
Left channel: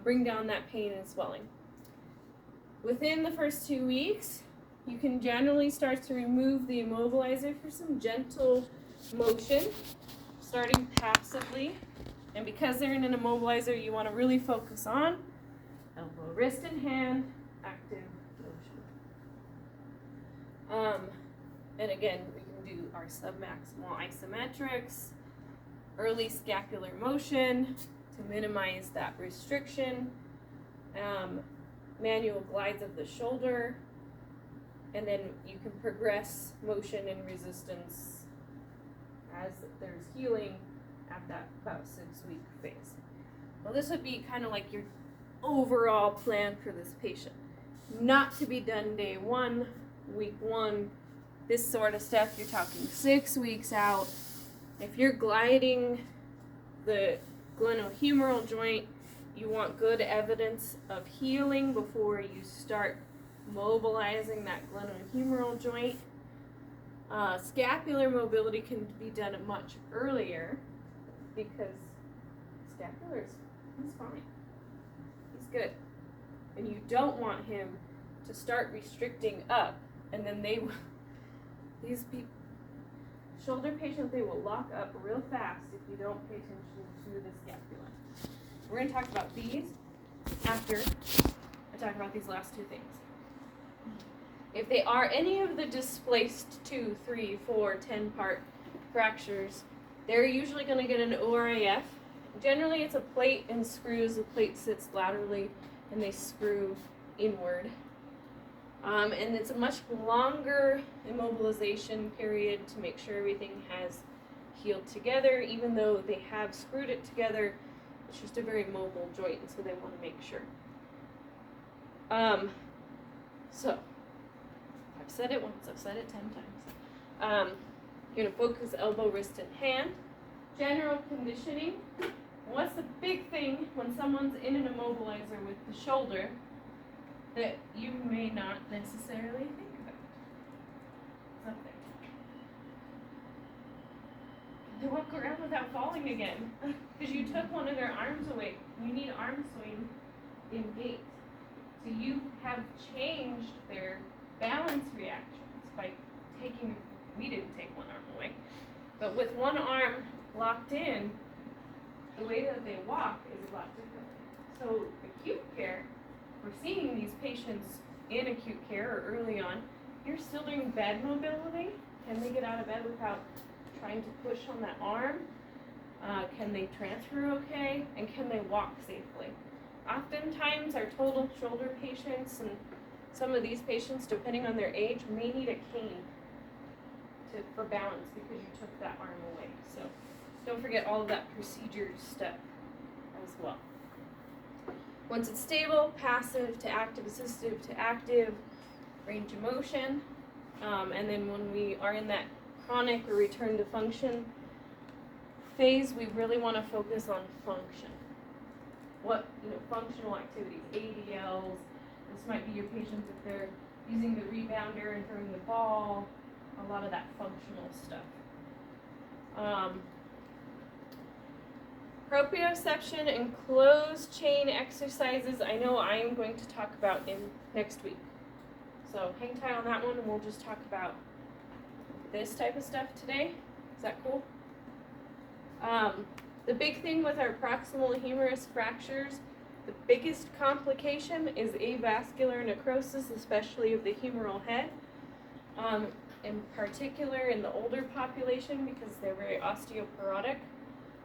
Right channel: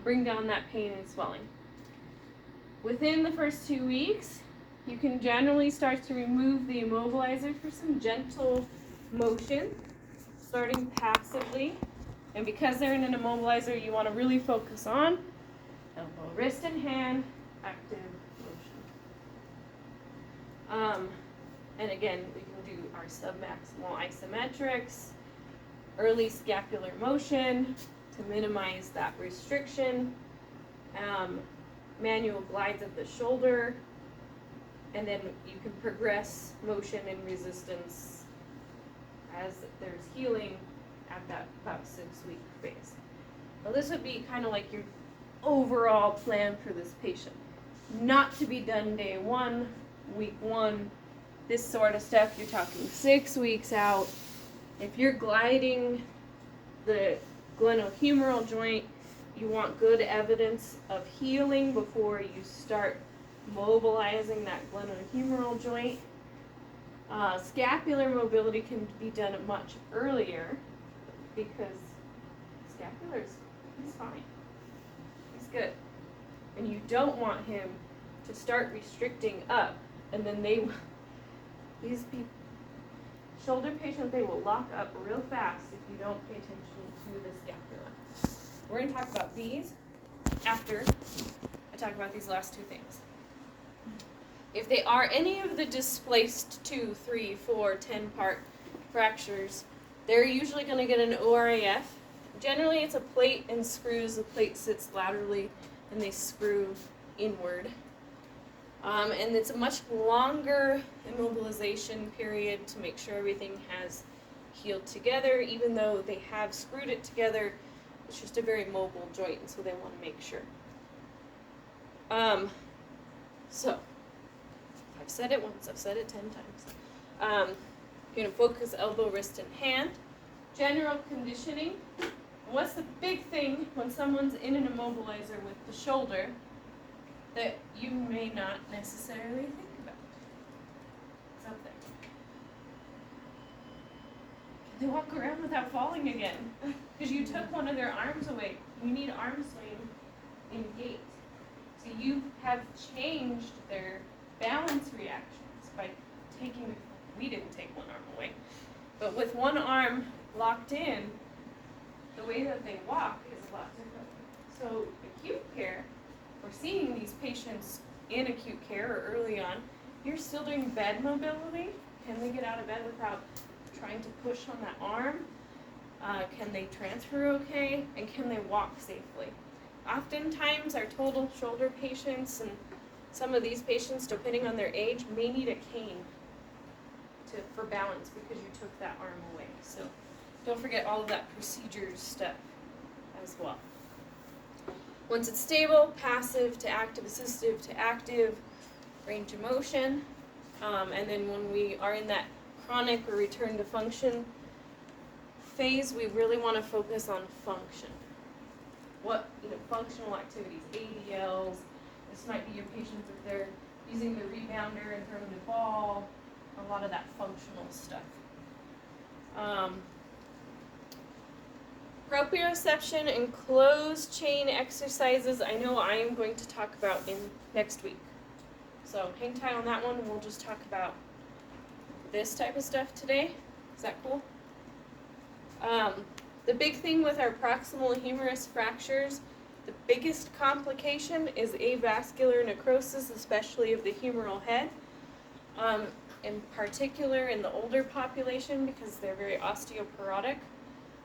bring down that pain and swelling. Within the first 2 weeks, you can generally start to remove the immobilizer for some gentle motion, starting passively. And because they're in an immobilizer, you want to really focus on elbow, wrist, and hand, active motion. And again, we can do our submaximal isometrics, early scapular motion to minimize that restriction, manual glides of the shoulder, and then you can progress motion and resistance as there's healing at that about 6-week phase. Now this would be kind of like your overall plan for this patient. Not to be done day 1, week 1, this sort of stuff, you're talking 6 weeks out. If you're gliding the glenohumeral joint, you want good evidence of healing before you start mobilizing that glenohumeral joint. Scapular mobility can be done much earlier because he's fine. He's good. And you don't want him to start restricting up, and then these people, shoulder patients, they will lock up real fast if you don't pay attention to the scapula. We're going to talk about these after I talk about these last 2 things. If they are any of the displaced 2, 3, 4, 10-part fractures, they're usually going to get an ORIF. Generally, it's a plate and screws. The plate sits laterally, and they screw inward. And it's a much longer immobilization period to make sure everything has healed together. Even though they have screwed it together, it's just a very mobile joint, and so they want to make sure. So, I've said it once, I've said it 10 times. You're going to focus elbow, wrist, and hand. General conditioning. And what's the big thing when someone's in an immobilizer with the shoulder that you may not necessarily think about? It's up there. They walk around without falling again because you took one of their arms away. You need arm swing in gait. So you have changed their balance reactions by taking, we didn't take one arm away, but with one arm locked in, the way that they walk is a lot different. So acute care, we're seeing these patients in acute care or early on, you're still doing bed mobility. Can they get out of bed without trying to push on that arm? Can they transfer okay? And can they walk safely? Oftentimes our total shoulder patients and some of these patients, depending on their age, may need a cane for balance because you took that arm away. So don't forget all of that procedure stuff as well. Once it's stable, passive to active, assistive to active, range of motion. And then when we are in that chronic or return to function phase, we really want to focus on function. What, functional activities, ADLs. This might be your patients if they're using the rebounder and throwing the ball, a lot of that functional stuff. Proprioception and closed chain exercises, I know I am going to talk about in next week. So hang tight on that one, and we'll just talk about this type of stuff today. Is that cool? The big thing with our proximal humerus fractures, the biggest complication is avascular necrosis, especially of the humeral head. In particular in the older population because they're very osteoporotic.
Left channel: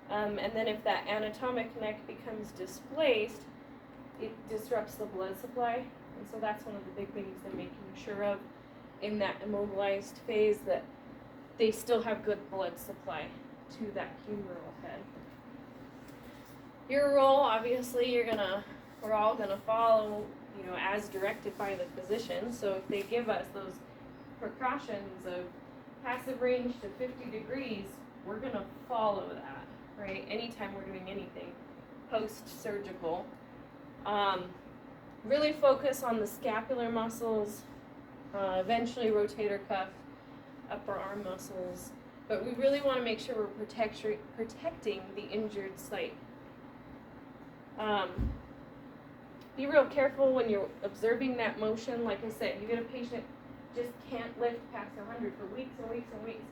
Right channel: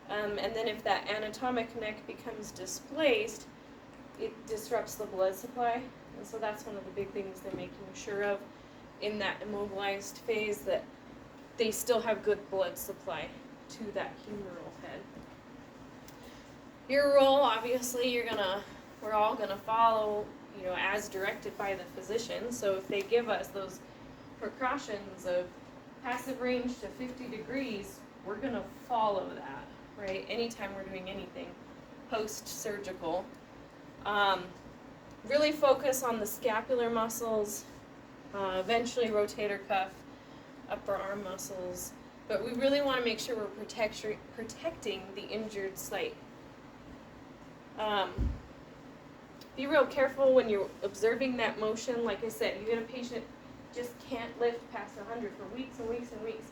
And then if that anatomic neck becomes displaced, it disrupts the blood supply. And so that's one of the big things they're making sure of in that immobilized phase, that they still have good blood supply to that humeral head. Your role, obviously, we're all gonna follow, as directed by the physician. So if they give us those precautions of passive range to 50 degrees, we're gonna follow that, right? Anytime we're doing anything post-surgical. Really focus on the scapular muscles, eventually rotator cuff, upper arm muscles, but we really want to make sure we're protecting the injured site. Be real careful when you're observing that motion. Like I said, you get a patient just can't lift past 100 for weeks and weeks and weeks.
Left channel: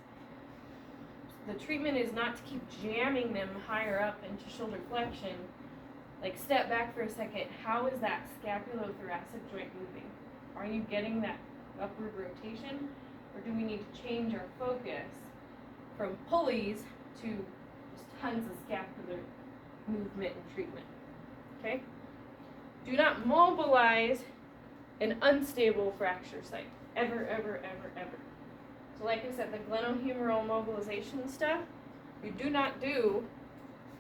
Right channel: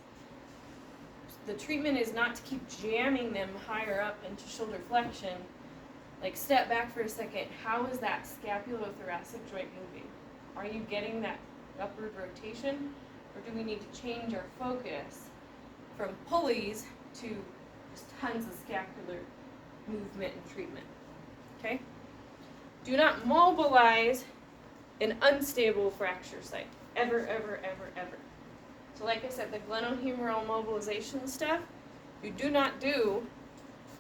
The treatment is not to keep jamming them higher up into shoulder flexion. Like, step back for a second. How is that scapulothoracic joint moving? Are you getting that upward rotation? Or do we need to change our focus from pulleys to just tons of scapular movement and treatment? Okay? Do not mobilize an unstable fracture site. Ever, ever, ever, ever. So like I said, the glenohumeral mobilization stuff, you do not do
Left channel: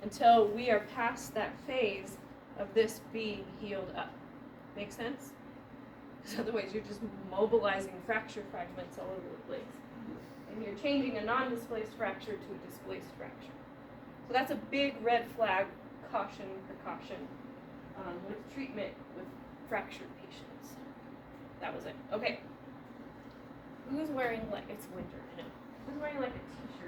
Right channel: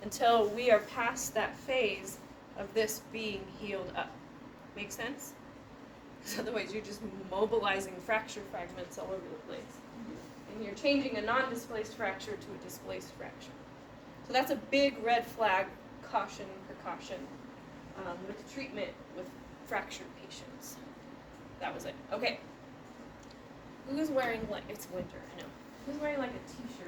until we are past that phase of this being healed up. Make sense? Because otherwise you're just mobilizing fracture fragments all over the place. And you're changing a non-displaced fracture to a displaced fracture. So that's a big red flag, caution, precaution with treatment with fractured patients. That was it. Okay. Who's wearing, like, it's winter, I know. Who's wearing like a t-shirt?